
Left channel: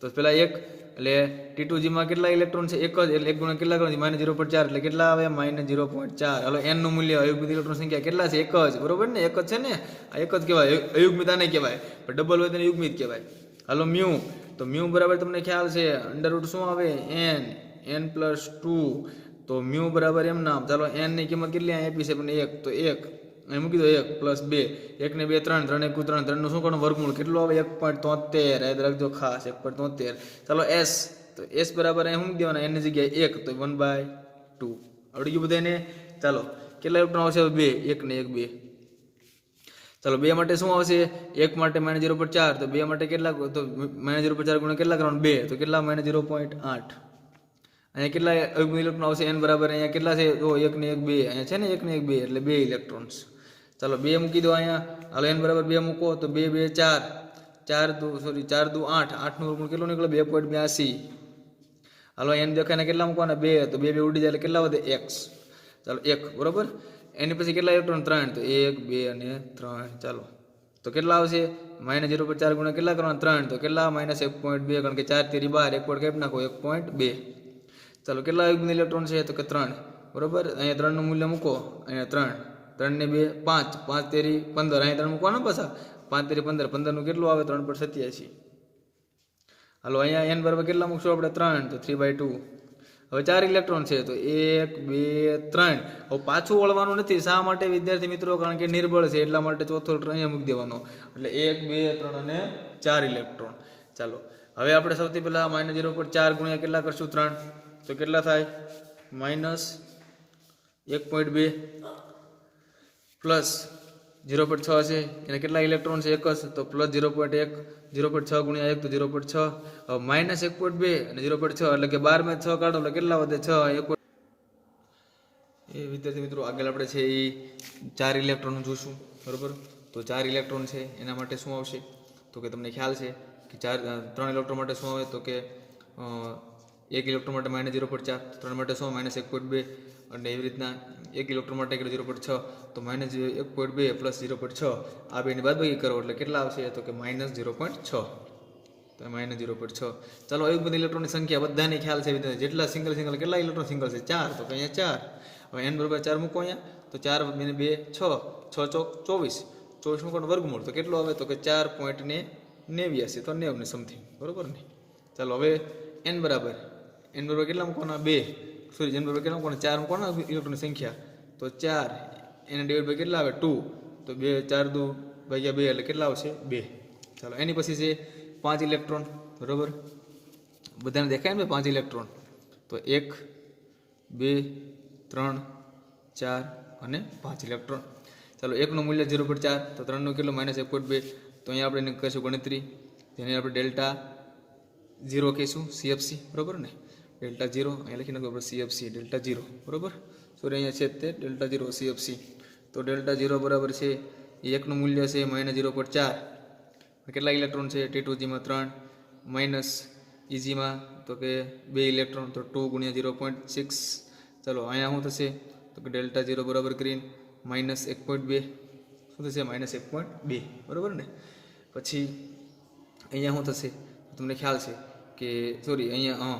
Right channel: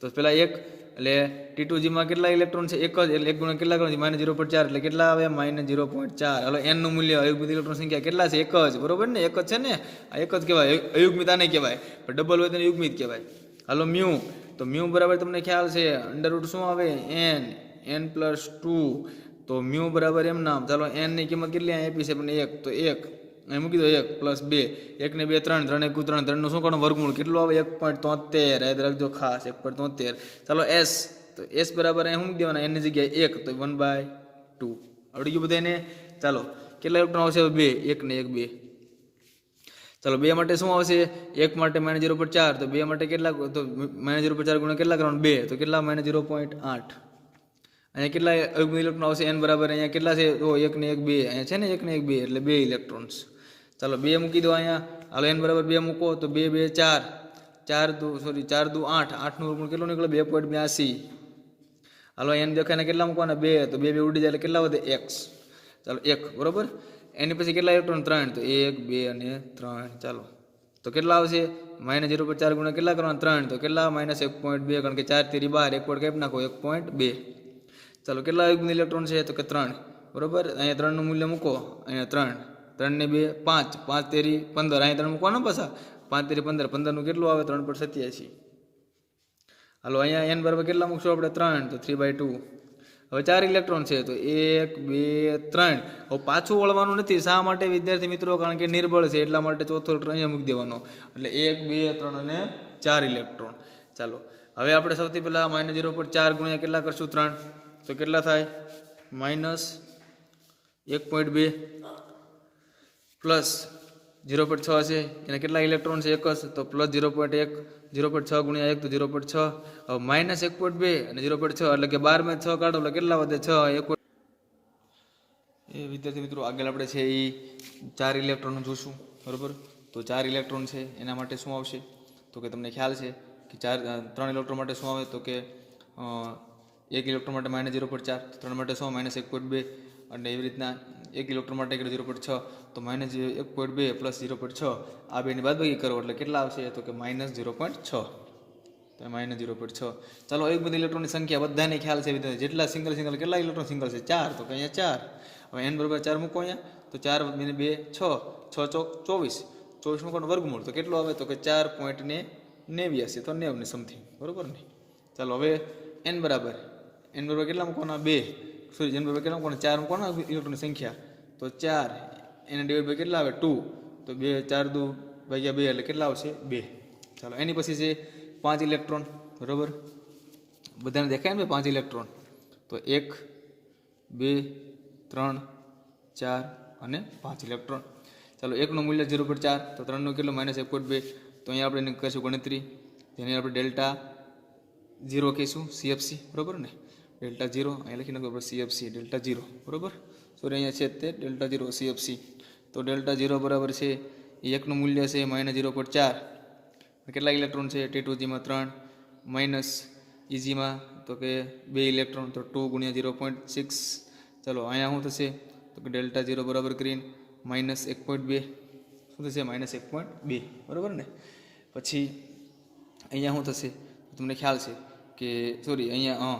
તો પેલા એક એટલે T2G માં કેટલા ઇલેક્ટ્રોન છે? એક જ, એટલે એક ગુણ્યા કેટલા કરવાથી માઇનસ 0.4 એટલે કેટલા આવે? માઇનસ 0.4. હાલો n નું મૂલ્ય અયુગ્મિત ઇલેક્ટ્રોન સંખ્યા કેટલા છે? એક જ, બરોબર ને? એક જ છે ને, આ એક જ કહેવાય, અયુગ્મિત આને કહેવાય, પણ ડબલ હોય તો યુગ્મિત કહેવાય. હાલો મ્યુ, તો મ્યુ બરાબર તમને ખ્યાલ છે અંડર રૂટ શું આવે? n પ્લસ 2, તો મ્યુ બરાબર એમ નામ. ચાલો n ની કિંમત કેટલી આપી છે? પણ 1, તો 1 અહીં મૂકી દો, 1 પ્લસ 2, 1 ને 2 3, 3 1 3, 3 નું શું કરવાનું? વર્ગમૂળ. કેટલું આવે? 1.73. યાદ રાખજો ખાસ, 1.73. ચાલો s, તો s બરાબર અહીં શું મૂકી દેવાના? n ની જગ્યાએ 1, તો 1/2. આવડી ગયું બધાને? ચાલો કેટલા ઇલેક્ટ્રોન આવશે? 2, 1 ને 1 2. ચાલો 2 માટે શું આવશે? 1 માટે -0.4, તો 2 માટે કેટલા? તો -0.4 ગુણ્યા કેટલા કરવાનું? 2, તો કેટલા? -0.8. અહીંયા કેટલા અયુગ્મિત ઇલેક્ટ્રોન આવશે? n બરાબર અહીંયા કેટલા છે? તો 1 ને 1 2, અહીંયા છે ને 1 ને 1 2, એટલે 2 ઇલેક્ટ્રોન્સ. ચાલો 2 મૂકી દો અહીંયા. હાલો n બરાબર 2 મૂકો, તો 2 2 4, 4 દુ 8, 8 નું વર્ગમૂળ કેટલું નીકળે? 2.82. હાલો n દેખાને કેટલા મૂકવાના? 2, તો 2 2 ઉડી જાય એટલે કેટલા વધે? x. ચાલો 1, બરોબર. એની પછી કેટલા ઇલેક્ટ્રોન? 3, તો 1 2 અને 3. ચાલો તો કેટલા આવશે? -0.4 ગુણ્યા કેટલા કરવાના? 3, તો કેટલા? -1.2, કારણ કે 4 તેરી 12, 1 પોઈન્ટ કાપી નાખો, 1.2. ચાલો કેટલા અયુગ્મિત ઇલેક્ટ્રોન છે? તો કે 3, બરોબર. અહીંયા 3 નું મૂલ્ય મૂકો, અહીંયા 3, 3 ને 2 5, 5 તેરી 15, અહીંયા 3 મૂકવાનો પાછા, 5 તેરી 15, 15 નું કેટલું આવે? 3.87. હાલો અહીંયા n બરાબર કેટલા મૂકશો આપણે? 3, તો 3/2. હવે 4 ઇલેક્ટ્રોન છે, તો 1 2 3. હવે પાછું વળવાનું નથી. શા માટે વિદ્યાર્થી મિત્રો? કારણ કે નિર્બળ છે, એટલા માટે ચોથો ઇલેક્ટ્રોન અહીંયા મૂકી દેવાનો, એટલે 1 2 3 અને 4 ઇલેક્ટ્રોન. ચાલો હવે આપણે સૌથી પહેલા -0.4 ગુણ્યા કેટલા કરશું? 3, તો કેટલા થાય? -1.2 પ્લસ 0.6 છે, એને કેટલા ઇલેક્ટ્રોન છે? 1 જ, તો પ્લસ 0.1, 0.6 ગુણ્યા 1, તો 0.6. હવે -1.2 અને 0.6, એટલે કે 12 માં 6 કાઢો એટલે કેટલા વધે? 6. 1. એ વિદ્યાર્થી મિત્રો આગળ આપણે છે એ 4 ઇલેક્ટ્રોન જોશું, બરોબર. તો 4 ઇલેક્ટ્રોન છે એના માટે શું આવશે? તો કે તમને ખ્યાલ છે કે 3 ઇલેક્ટ્રોન માટે શું આવે? તો કે 1 ઇલેક્ટ્રોન માટે -0.4, 3 માટે શું? -1.2, અને એવી રીતના 1 ઇલેક્ટ્રોન માટે 0.6, તો -1.2 પ્લસ 0.6, આ બેની બાદબાકી કરો એટલે કેટલા આવશે? તો કે -0.6. તો -0.6. ચાલો અયુગ્મિત ઇલેક્ટ્રોનની સંખ્યા બધાને ખ્યાલ છે, જેટલા સિંગલ કેટલા ઇલેક્ટ્રોન સિંગલ છે? 4, તો કે અહીંયા 4. હવે n બરાબર 4 મૂકો અહીંયા, તો 4 2 6, 6 ચોક 24, 24 મૂકવાનું વર્ગમૂળ, તો કેટલું આવે? તો કે 4.89, તો 90 ને સમથિંગ, બરોબર ને? ચાલો હવે n બરાબર કેટલા મૂકવાના? 2, સોરી n બરાબર કેટલા મૂકવાના? 4 મૂકવાના ઇલેક્ટ્રોનની સંખ્યા, તો 4 એને ડિવાઈડ બાય કેટલા આવે? 2, તો 2 4 2 ભાગ્યા 2 એટલે કેટલા આવશે? 2. ચાલો એની પછી છે 5 ઇલેક્ટ્રોન, બરોબર. બધાને દેખાય ને 5 ઇલેક્ટ્રોન, તો 1 2 3 4 અને 5 ઇલેક્ટ્રોન. ચાલો 1 નું મૂલ્ય 0.4, તો 3 નું કેટલું? -1.2. તો અહીંયા આપણે કરીશું ગણતરી, જેને આપણે ડેલ્ટા 0 કહીશું, CFC, બરોબર ને? ડેલ્ટા 0 અહીંયા લખી નાખો CFC, ડેલ્ટા 0, બરોબર. સોરી અહીંયા છે તે ડેલ્ટા 0 CFC. તો ડેલ્ટા 0 બરાબર છે એ 1 નું મૂલ્ય છે -0.4. કેટલા ઇલેક્ટ્રોન છે? T2G માં 3, માઇનસ EG માં તો કે 2 ઇલેક્ટ્રોન, તો 2 ગુણ્યા 0.6. ચાલો અહીંયા શું થશે? તો કે ડેલ્ટા 0 બરાબર કરીને -1.2, શું થશે? -1.2, બરાબર ને? પછી અહીંયા શું થશે? તમને ખ્યાલ છે કે સોરી અહીંયા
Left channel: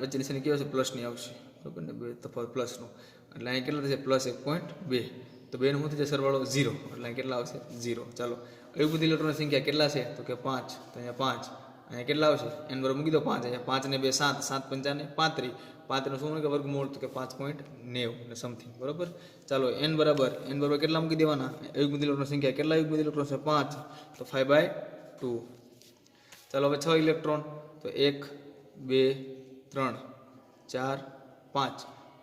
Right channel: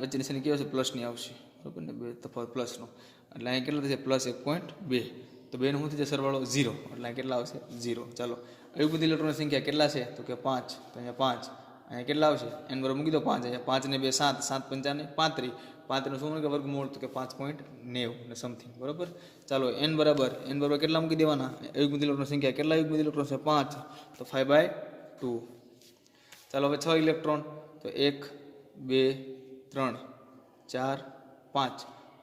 વચ્ચે નિશાની કેવો છે? પ્લસની આવશે, બરાબર ને? 2 તફાવત પ્લસનો, એટલે અહીંયા કેટલા થશે? +1.2. તો 2 નું શું થશે? સરવાળો 0, એટલે અહીં કેટલા આવશે? 0. ચાલો અયુગ્મિત ઇલેક્ટ્રોનની સંખ્યા કેટલા છે? તો કે 5, તો અહીંયા 5, અહીંયા કેટલા આવશે? n બરાબર મૂકી દો 5, અહીંયા 5 ને 2 7, 7 5 35, 35 નું શું કે વર્ગમૂળ? તો કે 5.90 એટલે સમથિંગ, બરાબર. ચાલો n બરાબર કેટલા મૂકી દેવાના? અયુગ્મિત ઇલેક્ટ્રોનની સંખ્યા કેટલા અયુગ્મિત ઇલેક્ટ્રોન છે? 5, તો 5/2. ચાલો હવે 6 ઇલેક્ટ્રોન, તો 1 2 3 4 5,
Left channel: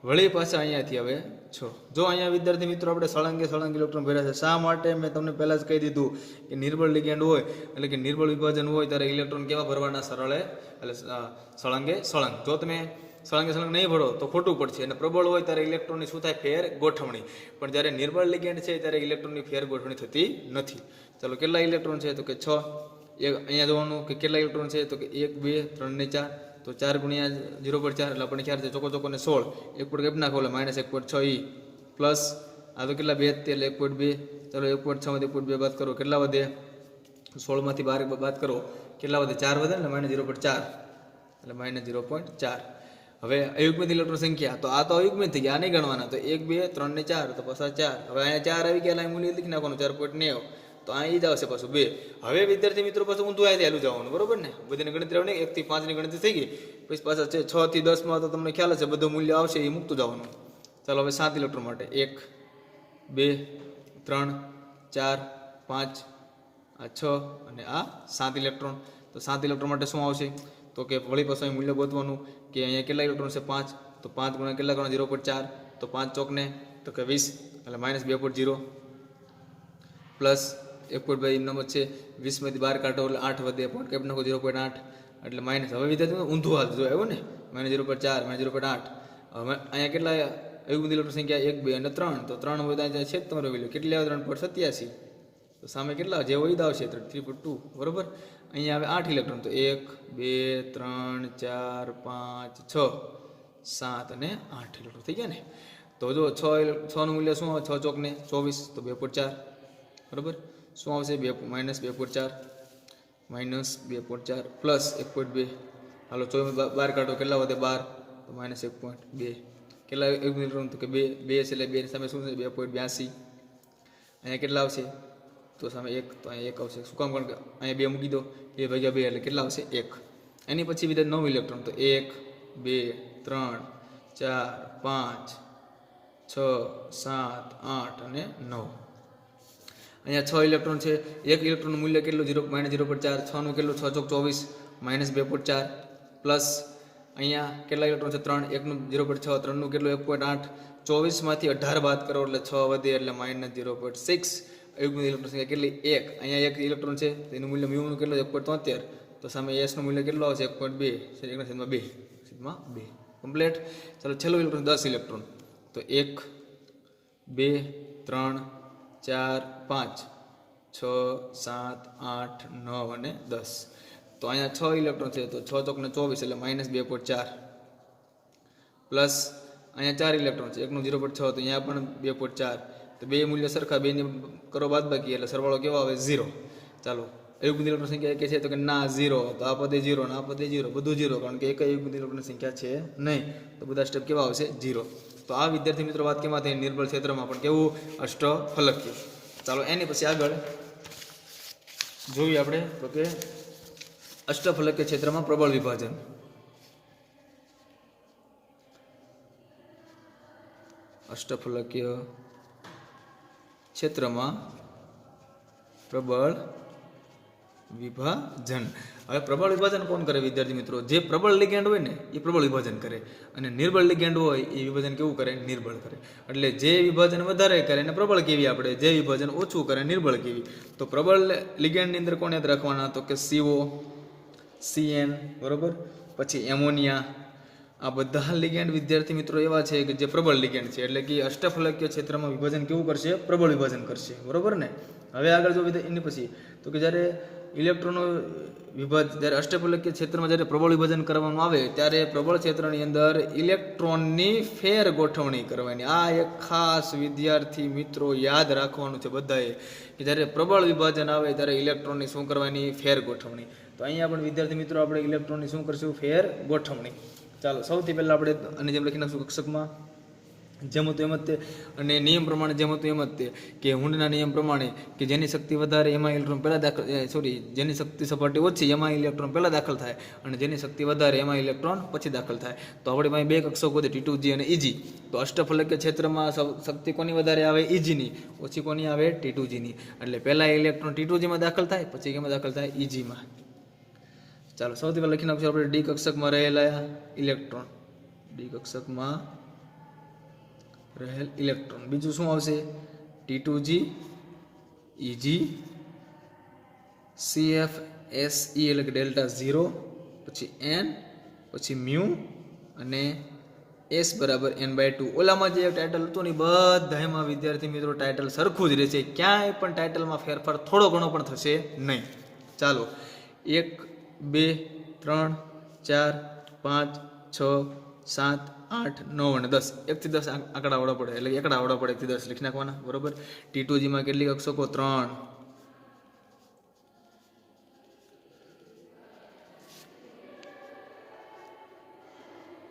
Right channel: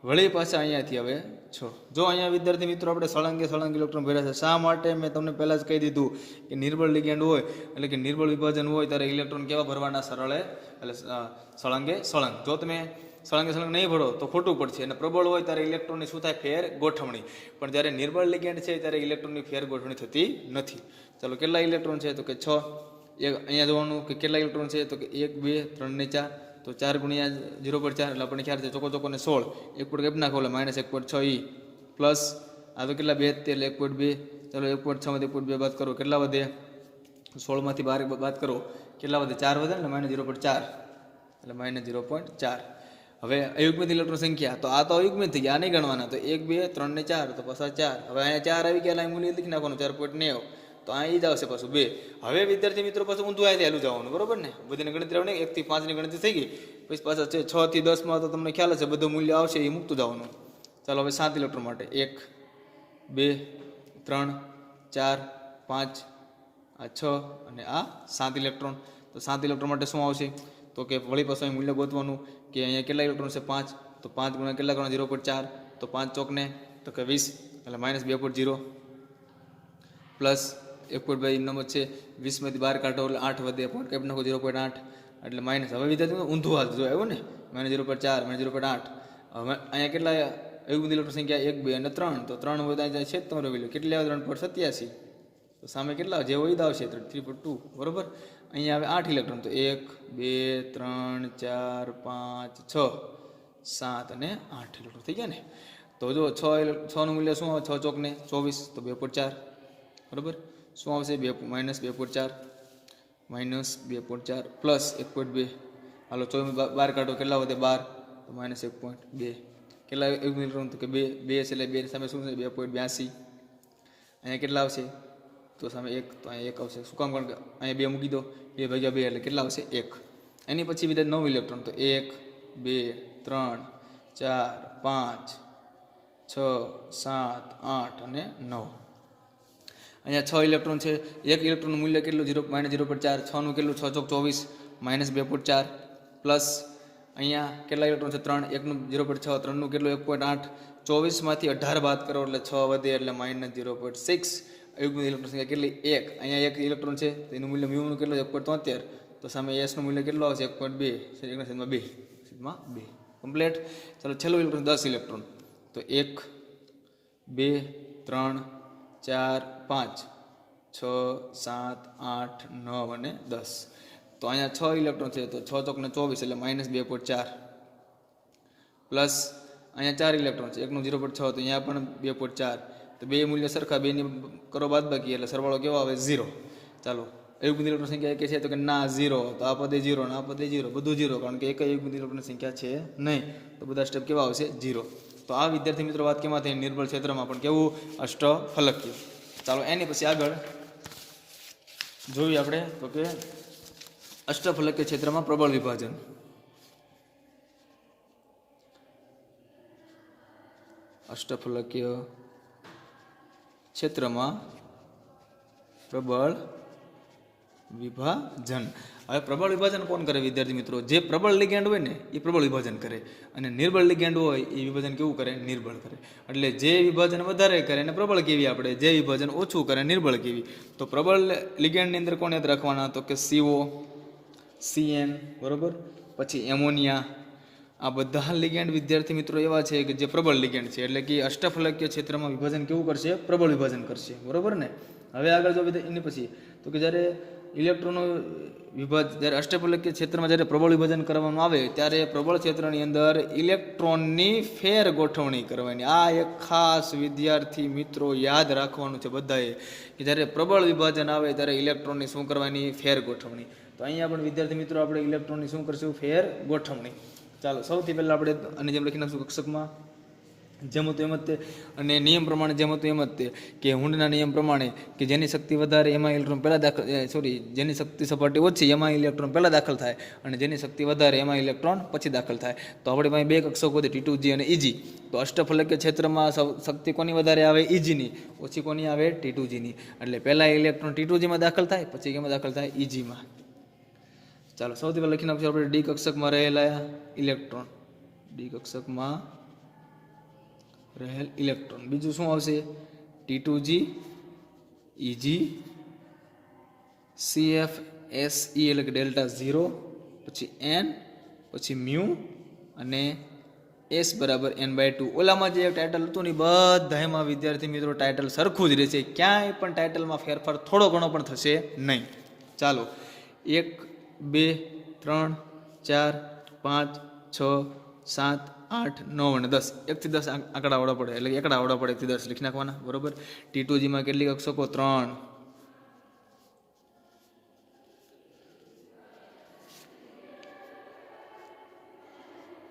વળી પાછા અહીંયાથી હવે 6. જો અહીંયા વિદ્યાર્થી મિત્રો આપણે સળંગ ઇલેક્ટ્રોન ભર્યા છે. શા માટે? મેં તમને પહેલાં જ કહી દીધું કે નિર્બળ લિગેન્ડ હોય, એટલે કે નિર્બળ વિભાજન હોય, ત્યારે ઇલેક્ટ્રોન કેવા ભરવાના? સરળે, એટલે સળંગે સળંગ. જો તમે સળંગે નહીં ભરો તો ખોટું પડશે, અને પ્રબળ હોય ત્યારે ઇલેક્ટ્રોનની શું થાય? ફેર ગોઠવણી. પણ જ્યારે નિર્બળ લિગેન્ડ છે ત્યારે ઇલેક્ટ્રોનની ફેર ગોઠવણી થતી નથી. ચાલો કેટલા ઇલેક્ટ્રોન છે? તો કે 6. અહીંયા જોવાનું કે કેટલા ઇલેક્ટ્રોન છે? તો કે 1 2 3 ને 4, તો તો 4 ગુણ્યા 0.4 એટલે આપણને ખ્યાલ છે ચોકો ચોકોને 16, 1 પોઈન્ટ કેપ નાખો એટલે -1.6 ઈ પ્લસ આ તો કેટલા 2 એટલે 1.2, ચાલો 1.6 માંથી 1.2 બાદ કરો કેટલા વધે, 16 માંથી 12 બાદ કરો કેટલા વધે, 4 વધે ને -0.4 એટલે -0.4. હવે અયુગ્મિત ઇલેક્ટ્રોન સંખ્યા તો આ તો અયુગ્મિત થઈ ગયા, આ નહીં ગણવાના, તો 1 2 3 ને 4 તો પાછા 4. હવે અહીંયા 4 આવી ગયા, અહીં મૂલ્ય લખી નાખવાનું 4.9, તો અહીં જ આવશે પાછું 2. હવે વિદ્યાર્થી મિત્રો પાછું ઊંધું આવી ચાલુ જવાનું, બરોબર ને, બધાની ગણતરી આવે 1 થી 5 ની ગણતરી થઈ ગઈ, પછી પાછા છે 6 થી 10 માં તો તમને ખ્યાલ હશે બધું મૂલ્ય આવશે એ મૂકતું જવાનું. ચાલો હવે 7 ઇલેક્ટ્રોન માટે 1 2 3 4 5 આ 6 અને આ 7 ઇલેક્ટ્રોન. તો 7 ઇલેક્ટ્રોન માટે શું આવશે, તો કે વળી પાછું મૂલ્ય ગોતવાનું કે અહીંયા કેટલા ઇલેક્ટ્રોન છે 5, તો 5 ગુણ્યા કેટલા ગણા 0.4, તો 5 ચોકને તો કે 20 એટલે -2.0 પ્લસ 1.2 એમનામ જ છે, 20 માંથી 12 કાઢો એટલે 8 વધે, પોઈન્ટ કેપ નાખો 0.8 એટલે માઇનસ. હવે વિદ્યાર્થી ઊંધું હાલ જો આવ્યું ને -0.4 -0.8. હવે અહીંયા કેટલા અયુગ્મિત ઇલેક્ટ્રોન સંખ્યા 1 2 અને 3, તો 3 વધા જાય છે તમારો વેલ્યુ કેટલી આવે 3.87, તો સામે કેટલા જે હોય આવશે 3.2, બરોબર. અહીંયા આવે 8 ઇલેક્ટ્રોન, તો 1 2 3 4 5 6 7 અને 8 ઇલેક્ટ્રોન થઈ ગયા ને. તો જો 6 નું મૂલ્ય શું આવે, 6 ચોકને 24 તો 2.4, બરોબર. શું આવશે -2.4 -2.4 પ્લસ 1.2, હાલો 24 12 કાઢો કેટલા વધે 12, તો -1.2 કેટલા ઇલેક્ટ્રોન, તો કે 2 એટલે 2 સામે શું છે 2.82. અહીંયા કેટલા આવશે, તો સામે 1, તો અહીંયા 1 આવશે. શું કામ, કારણ કે અહીંયા 2 મૂકી દો, 2 ભાગ્યા 2 એટલે કેટલા આવશે 1. એની પછી વિદ્યાર્થી 9 ઇલેક્ટ્રોન, તો 1 2 3 4 5 6 7 8 અને 9. અહીંયા 6 ઇલેક્ટ્રોન છે, 1 ઇલેક્ટ્રોનનું મૂલ્ય કેટલું -0.4, 6 નું કેટલું 6 ચોક 24 -2.4 પ્લસ અહીંયા કેટલા ઇલેક્ટ્રોન છે 3, 1 નું 0.6, 3 નું કેટલું 1.8, 24 માંથી 18 બાદ કરો એટલે 6 વધે એટલે -0.6. અયુગ્મિત ઇલેક્ટ્રોન સંખ્યા કેટલી 1, અહીંયા 1 ઇલેક્ટ્રોન છે તો એનું મૂલ્ય મ્યુનું કેટલું 1.73, તો સામે s નું મૂલ્ય કેટલું આવશે 1.2 કમ્પ્લીટ. ચાલો છેલ્લું ઇલેક્ટ્રોન 10 ઇલેક્ટ્રોન, તો 1 2 3 4 5 6 7 8 9 અને 10. તો અહીંયા 6 ઇલેક્ટ્રોન છે, તો 6 ચોકને 24 એટલે -2.4 પ્લસ અહીંયા 4 ઇલેક્ટ્રોન છે, 1 નું 0.6, તો અહીંયા પણ 2.4, તો બે મૂલ્ય સરખા, બેની કરો બાદબાકી એટલે સરવાળો કેવો આવે 0. ચાલો અયુગ્મિત ઇલેક્ટ્રોન સંખ્યા એક છે, તો કે ના 0, તો આ પદે 0 ને આ પદે 0, બધું 0, કારણ કે એક અયુગ્મિત ઇલેક્ટ્રોન સંખ્યા છે નહીં, તો બધા સ્ટેપ કેવા આવશે 0. તો આ વિદ્યાર્થી મિત્રો વાત કેમાં થઈ, નિર્બળ ક્ષેત્રમાં પણ કેવું અષ્ટફલકીય. ચાલો એની પછી આગળ જોઈએ આપણે, તો કે અષ્ટફલકીય ક્ષેત્રમાં પ્રબળ વિભાજન. અષ્ટફલકીય ક્ષેત્રમાં પ્રબળ વિભાજન. હવે પ્રબળ વિભાજન કોણ કરે વિદ્યાર્થી મિત્રો, જે પ્રબળ લિગેન્ડ હોય ને એ પ્રબળ વિભાજન કરે, અને નિર્બળ લિગેન્ડ હોય એ વિભાજન કેવું કરે, નિર્બળ કરે. એટલે જે વિભાજન વધારે કરે એને પ્રબળ કેવી આપણે, જે વિભાજન ઓછું કરે નિર્બળ કેવી. તો પ્રબળ લિગેન્ડની અંદર કોણ યાદ રાખવાના, તો કે CO CN, બરોબર, પછી એમોનિયા. આ બધા લિગેન્ડ વિદ્યાર્થી મિત્રો એવા છે કે જે પ્રબળ લિગેન્ડ છે, એટલે કે અષ્ટફલકીય ક્ષેત્રમાં વિભાજન કેવું કરશે, પ્રબળ વિભાજન કરશે, બરોબર ને. હવે આગળ જો એની પછી તો કે જ્યારે ઇલેક્ટ્રોનનો જ્યારે અષ્ટફલકીય ક્ષેત્રમાં જ્યારે પ્રબળ વિભાજન કરવામાં આવે ત્યારે પ્રબળ ક્ષેત્રની અંદર ઇલેક્ટ્રોનની ફેર ગોઠવણી કરવાની. આ એક ખાસ વિદ્યાર્થી મિત્રો યાદ રાખવાનું છે બધાએ, કે જ્યારે પ્રબળ વિભાજન આવે ત્યારે ઇલેક્ટ્રોનની શું કરવાની, ફેર ગોઠવણી. તો અહીંયા પણ વિદ્યાર્થી મિત્રો આપણે ઇલેક્ટ્રોનની શું કરશું, ફેર ગોઠવણી. ચાલો સૌથી પહેલાં આપણે અને જેમ લખી નાખશું કક્ષકમાં જેમ હતું એમ જ તે, અને નિયમ પ્રમાણે જેમ હતું એમ જ તે, કે હુન્ડના નિયમ પ્રમાણે કે જેની શક્તિ વધારે એમાં ઇલેક્ટ્રોન પહેલાં જેની શક્તિ સપાટી ઓછી એમાં ઇલેક્ટ્રોન પહેલાં દાખલ થાય, અને જેની શક્તિ વધારે એમાં ઇલેક્ટ્રોન પછી દાખલ થાય. તો આપણે પાસે બે કક્ષકો છે T2G અને EG. તો અષ્ટફલકીય ક્ષેત્રમાં શક્તિ કોની વધારે આવે, EGની, ઓછી કોની આવે, T2Gની. એટલે પહેલાં ઇલેક્ટ્રોન T2Gમાં દાખલ થાય, પછી એમાં દાખલ થાય EGમાં. ચાલો સૌથી પહેલાં લખી નાખશું આપણે ડી કક્ષકમાં રહેલા ઇલેક્ટ્રોન, ડી કક્ષકમાં રહેલ ઇલેક્ટ્રોન. બીજું શું આવશે, T2G EG CF SE એટલે કે ડેલ્ટા 0, પછી N, પછી મ્યુ અને S બરાબર N/2. ઓલામાં જે ટાઇટલ હતું ને બધા એમાં વિદ્યાર્થી મિત્રો ટાઇટલ સરખું જ રહેશે, ક્યાંય પણ ટાઇટલમાં ફેરફાર થોડો ઘણો પણ થશે નહીં. ચાલો 1 2 3 4 5 6 7 8 9 અને 10 1 થી 10 આંકડા આવડવા પડે એટલે એકડા આવડવા પડે 1 થી 10 લખી નાખવાના બરોબર T2G માં કેટલી કક્ષકો 3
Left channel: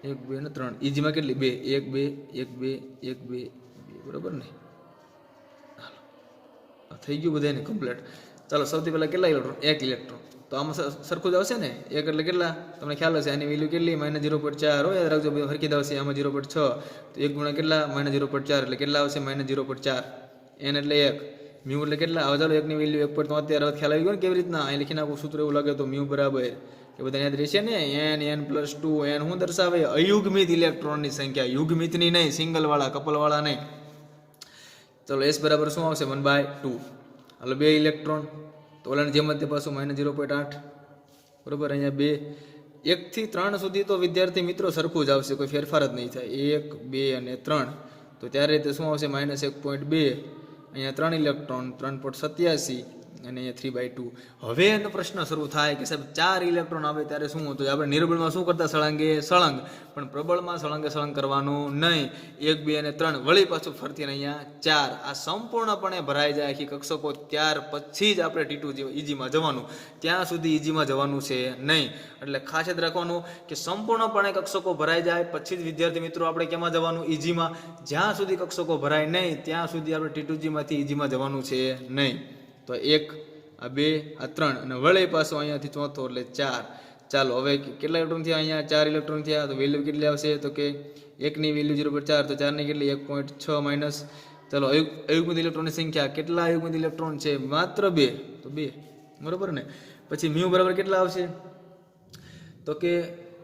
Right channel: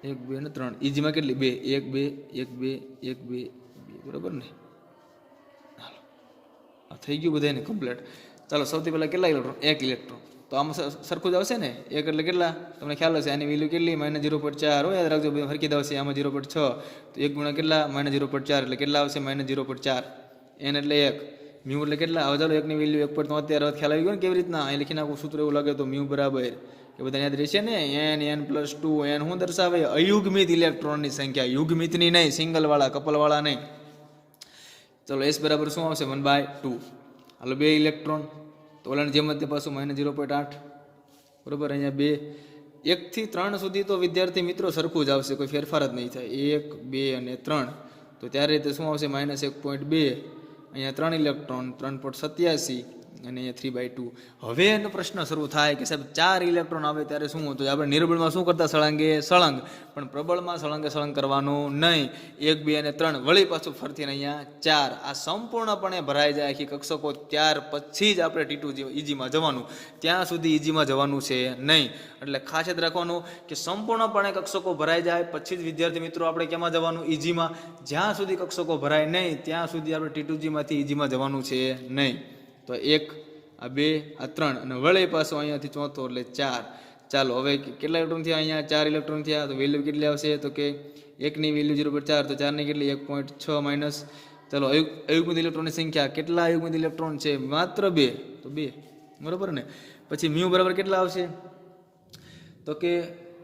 1 2 અને 3 EG માં કેટલી 2 1 2 1 2 1 2 બરોબર ને હાલો આ થઈ ગયું બધાને કમ્પ્લીટ ચાલો સૌથી પહેલા કેટલા ઇલેક્ટ્રોન 1 ઇલેક્ટ્રોન તો આમાં સરખું જ આવશે ને 1 એટલે કેટલા તમને ખ્યાલ હશે આની વેલ્યુ કેટલી -0.4 હોય યાદ રાખજો બધું હરખી જ આવશે આમાં 0.6 તો 1 ગુણ્યા કેટલા -0.4 એટલે કેટલા આવશે -0.4 n એટલે 1 મ્યુ એટલે કેટલા હવે ચાલો 1 ની વેલ્યુ 1.73 ખ્યાલ આવી ગયો ને કેવી રીતના અહીં લખી નાખું સૂત્ર એવું લાગે તો મ્યુ બરાબર એ બધા યાદ રહેશે ને n n+2 n શું દર્શાવે અયુગ્મિત ઇલેક્ટ્રોનની સંખ્યા યુગ્મિતની નહીં સિંગલ વાળા કપલ વાળા નહીં ચલો s બરાબર શું આવશે 1/2 હાલો 2 ઇલેક્ટ્રોન તો ઓલાની જેમ જ તે પાછું -0.8 બરોબર અહીંયા 2 1 થી 3 સુધી તો વિદ્યાર્થી મિત્રો સરખું જ આવશે કોઈ ફેરફાર જ નહીં થાય 1 2 અને 3 તો ત્યારે તે શું આવશે -1.2 અહીંયા 3 ઇલેક્ટ્રોન 3.87 અને અહીંયા 3/2 હવે એનો પ્રશ્ન શરૂ થાય કે સાહેબ 4 ઇલેક્ટ્રોન આવે ત્યારે શું હતું આપણે નિર્બળમાં શું કરતા સળંગે સળંગ પણ પ્રબળમાં સળંગે સળંગ કરવાનું નહીં 1 2 અને 3 વળી પાછું ફરતી અહીંયા 4 આ સંપૂર્ણપણે ભરાઈ જાય આખી કક્ષકો ત્યાર પછી જ આપણે T2 EGમાં જવાનું ત્યાં સુધી EGમાં જવાનું છે નહીં એટલે ખાસ યાદ રાખવાનું કે સંપૂર્ણપણે કક્ષકો ભરાઈ જાય પછી જ વિદ્યાર્થી મિત્રો આપણે કેમાં જવાનું EGમાં જ્યાં સુધી કક્ષકો ભરાય નહીં ત્યાં સુધી આપણે T2Gમાંથી EGમાં જવાનું છે નહીં તો 1 આ 2 આ 3 અને વળે પાછો અહીંયાથી ચોથો એટલે 4 ચાલો હવે કેટલા ઇલેક્ટ્રોન થયા અહીંયા 4 ઇલેક્ટ્રોન થયા તો વેલ્યુ કેટલી આવશે તો કે 1 ની વેલ્યુ 0.4 તો 4 ની કેટલી 1.6 માઈનસ ચાલો અયુગ્મિત ઇલેક્ટ્રોનની સંખ્યા કેટલા અયુગ્મિત ઇલેક્ટ્રોન છે માત્ર 2 તો 2 બરોબર ને પછી મ્યુ બરાબર કેટલા આવશે તો કે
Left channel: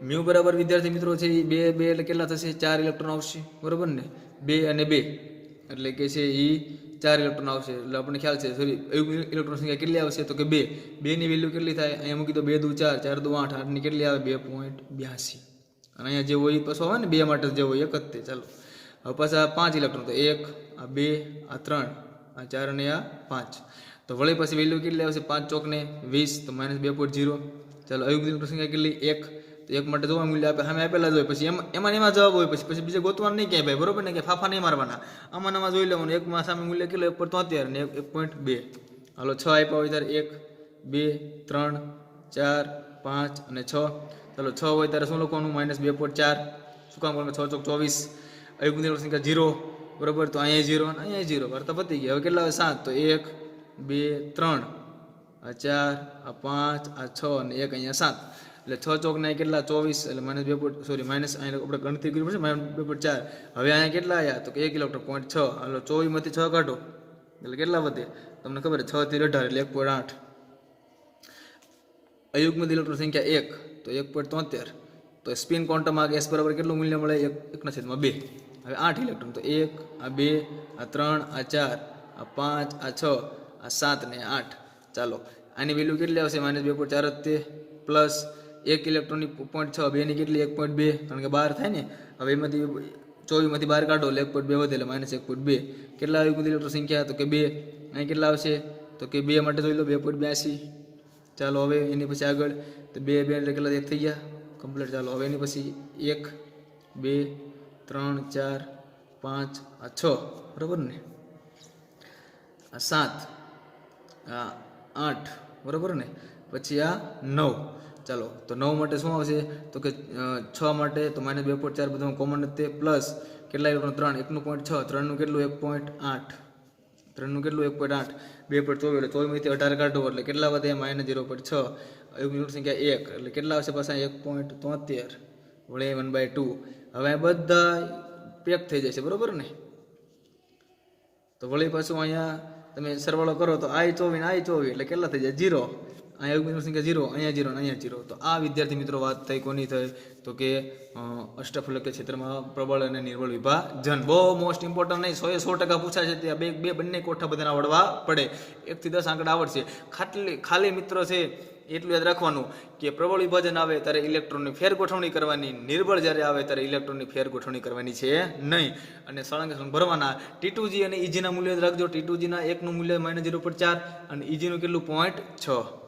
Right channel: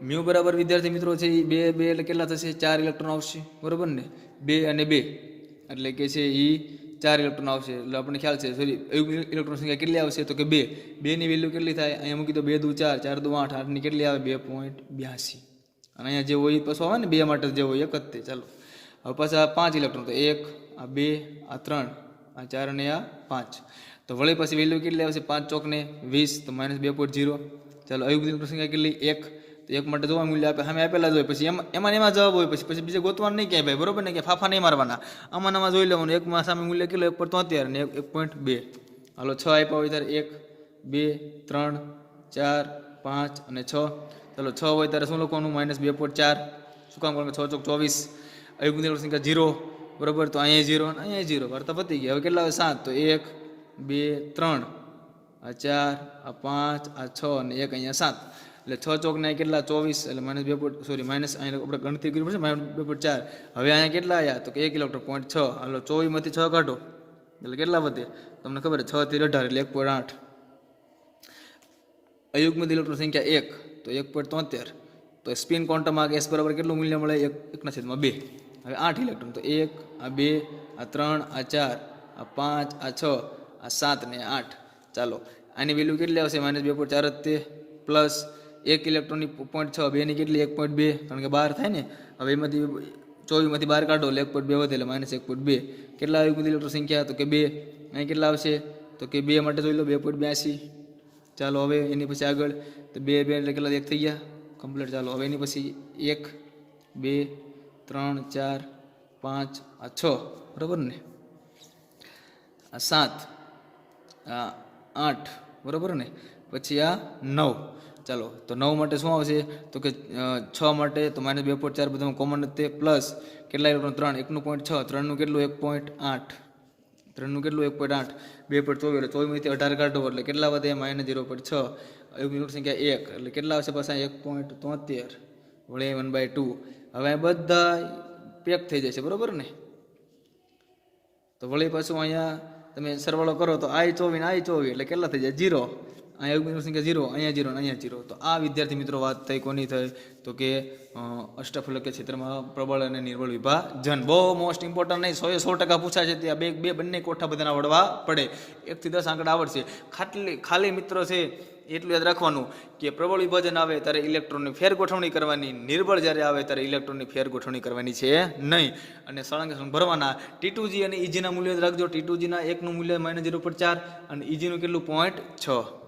મ્યુ બરાબર વિદ્યાર્થી મિત્રો છે 2 2 એટલે કેટલા થશે 4 ઇલેક્ટ્રોન આવશે બરોબર ને 2 અને 2 એટલે કે છે એ 4 ઇલેક્ટ્રોન આવશે એટલે આપણને ખ્યાલ છે સોરી ઇલેક્ટ્રોન સંખ્યા કેટલી આવશે તો કે 2 ની વેલ્યુ કેટલી થાય અહીંયા મૂકી દો 2 દુ 4 4 દુ 8 8 ની કેટલી આવે 2.82 અને અહીંયા જે હોય પાછો આવે ને 2 માટે જે હોય એક જ તે ચાલો હવે પાછા 5 ઇલેક્ટ્રોન તો 1 આ 2 આ 3 આ 4 અને આ 5 તો વળી પછી વેલ્યુ કેટલી આવશે 5 ચોકને 20 તો -2.0 ચાલો અયુગ્મિત ઇલેક્ટ્રોન સંખ્યા કેટલી 1 તો 1 માટે જોવા મૂલ્ય આપે સામે આપેલા જ હોય પછી એમાં જવાબ હોય પછી બીજે ગોતવાનું નહીં ક્યાંય ભાઈ બરોબર ને કે ફાફા નહીં મારવાના આમાં જોઈ લેવાનું એકમાં સામે મૂલ્ય કેટલું 1.73 અને 1.2 હાલો 6 આપ્યા હોય ત્યારે 1 2 3 4 5 અને 6 ચાલો 6 હોય ત્યારે શું લખવાનું -2.4 શું કામ કરવાનું 6 ચોક 24 અયુગ્મિત ઇલેક્ટ્રોન સંખ્યા 0 બરોબર તો અહીંયા 0 અહીંયા 0 વાર્તા પતી ગઈ હવે કેટલા આવે 7 તો 1 2 3 આ 4 આ 5 આ 6 અને 1 અહીંયા 7 એટલે 6 ચોક ના કેટલા 24 એટલે -2 સોરી માઇનસ અહીંયા આપણે ગણતરી કરવી પડશે -2.4 હવે અહીંયા કેટલા આવ્યા તો કે 1 ઇલેક્ટ્રોન 0.6 હાલો 24 માંથી 6 કાઢો એટલે કેટલા વધે તમને ખબર છે 6 થી 18 એટલે 1.8 અયુગ્મિત ઇલેક્ટ્રોન સંખ્યા 1 તો 1.73 તો સ્પિન ક્વોન્ટમમાં S બરાબર કેટલું મૂલ્ય મળે 1/2 હવે 8 ઇલેક્ટ્રોન તો 1 આ 2 આ 3 આ 4 આ 5 આ 6 આ 7 ને 8 ચાલો આની વેલ્યુ કેટલી આવશે -2.4 જ તે પ્લસ 1 ઇલેક્ટ્રોનની 0.6 2 ની કેટલી 1.2 કારણ કે બહાર થાય ને હવે એમાંથી 24 માંથી બહાર કાઢો એટલે 1.2 વધે એટલે -1.2 કેટલા અયુગ્મિત ઇલેક્ટ્રોન સંખ્યા તો કે 2 અહીં કેટલા આવશે તો કે 2 માટે જોઈ લો 2.82 ચાલો હવે એની પછી આગળ તો 2 2 એટલે કેટલા 1 થઈ ગયા કમ્પ્લીટ ચાલો હવે એની પછી 1 2 3 4 5 આ 6 બરાબર ને આ 7 આ 8 બરાબર ને પછી આ 9 ચાલો તો 9 માટે શું આવશે તો કે 6 માટે તો -2.4 બધું કોમન તે પ્લસ કેટલા ઇલેક્ટ્રોન 3 1 નું 0.6 3 નું કેટલું 1.8 3 નું કેટલું 1.8 2.24 એટલે 24 માંથી 18 કાઢો એટલે કેટલા વધે -0.6 અયુગ્મિત સંખ્યા 1 એટલે કેટલા આવશે પાછા 1.73 વળે 1/2 હવે આ બધા પેક થઈ જશે બરોબર ને તો વળી પાછું અહીંયા તમે સરવાળો કરો તો I24 ને I24 એટલે કેટલા થઈ જાય 0 અહીંયા અયુગ્મિત સંખ્યા 0 અહીંયા 0 અહીંયા 0 તો આ વિદ્યાર્થી મિત્રો વાત થઈ કોની થઈ તો કે અષ્ટફલકીય ક્ષેત્રમાં પ્રબળ અને નિર્બળ વિભાજન બહુ મોસ્ટ ઇમ્પોર્ટન્ટ નહીં 100% પૂછાય છે ત્યાં બે બંને કોઠા બધાના આવડવા પડે 1 થી 10 આંકડા આવડશે ખાલી મિત્રો છે એટલું યાદ રાખવાનું કે પ્રબળ વિભાજન આવે ત્યારે ઇલેક્ટ્રોનની ફેર ગોઠવણી કરવાની નિર્બળ જ્યારે આવે ત્યારે ઇલેક્ટ્રોનની ફેર ગોઠવણી કરવાની છે નહીં અને સળંગે સળંગ ભરવાના T2G અને EG ના મૂલ્ય રાખજો T2G ના 1 નું મૂલ્ય -0.4 અને EG નું કેટલું 0.6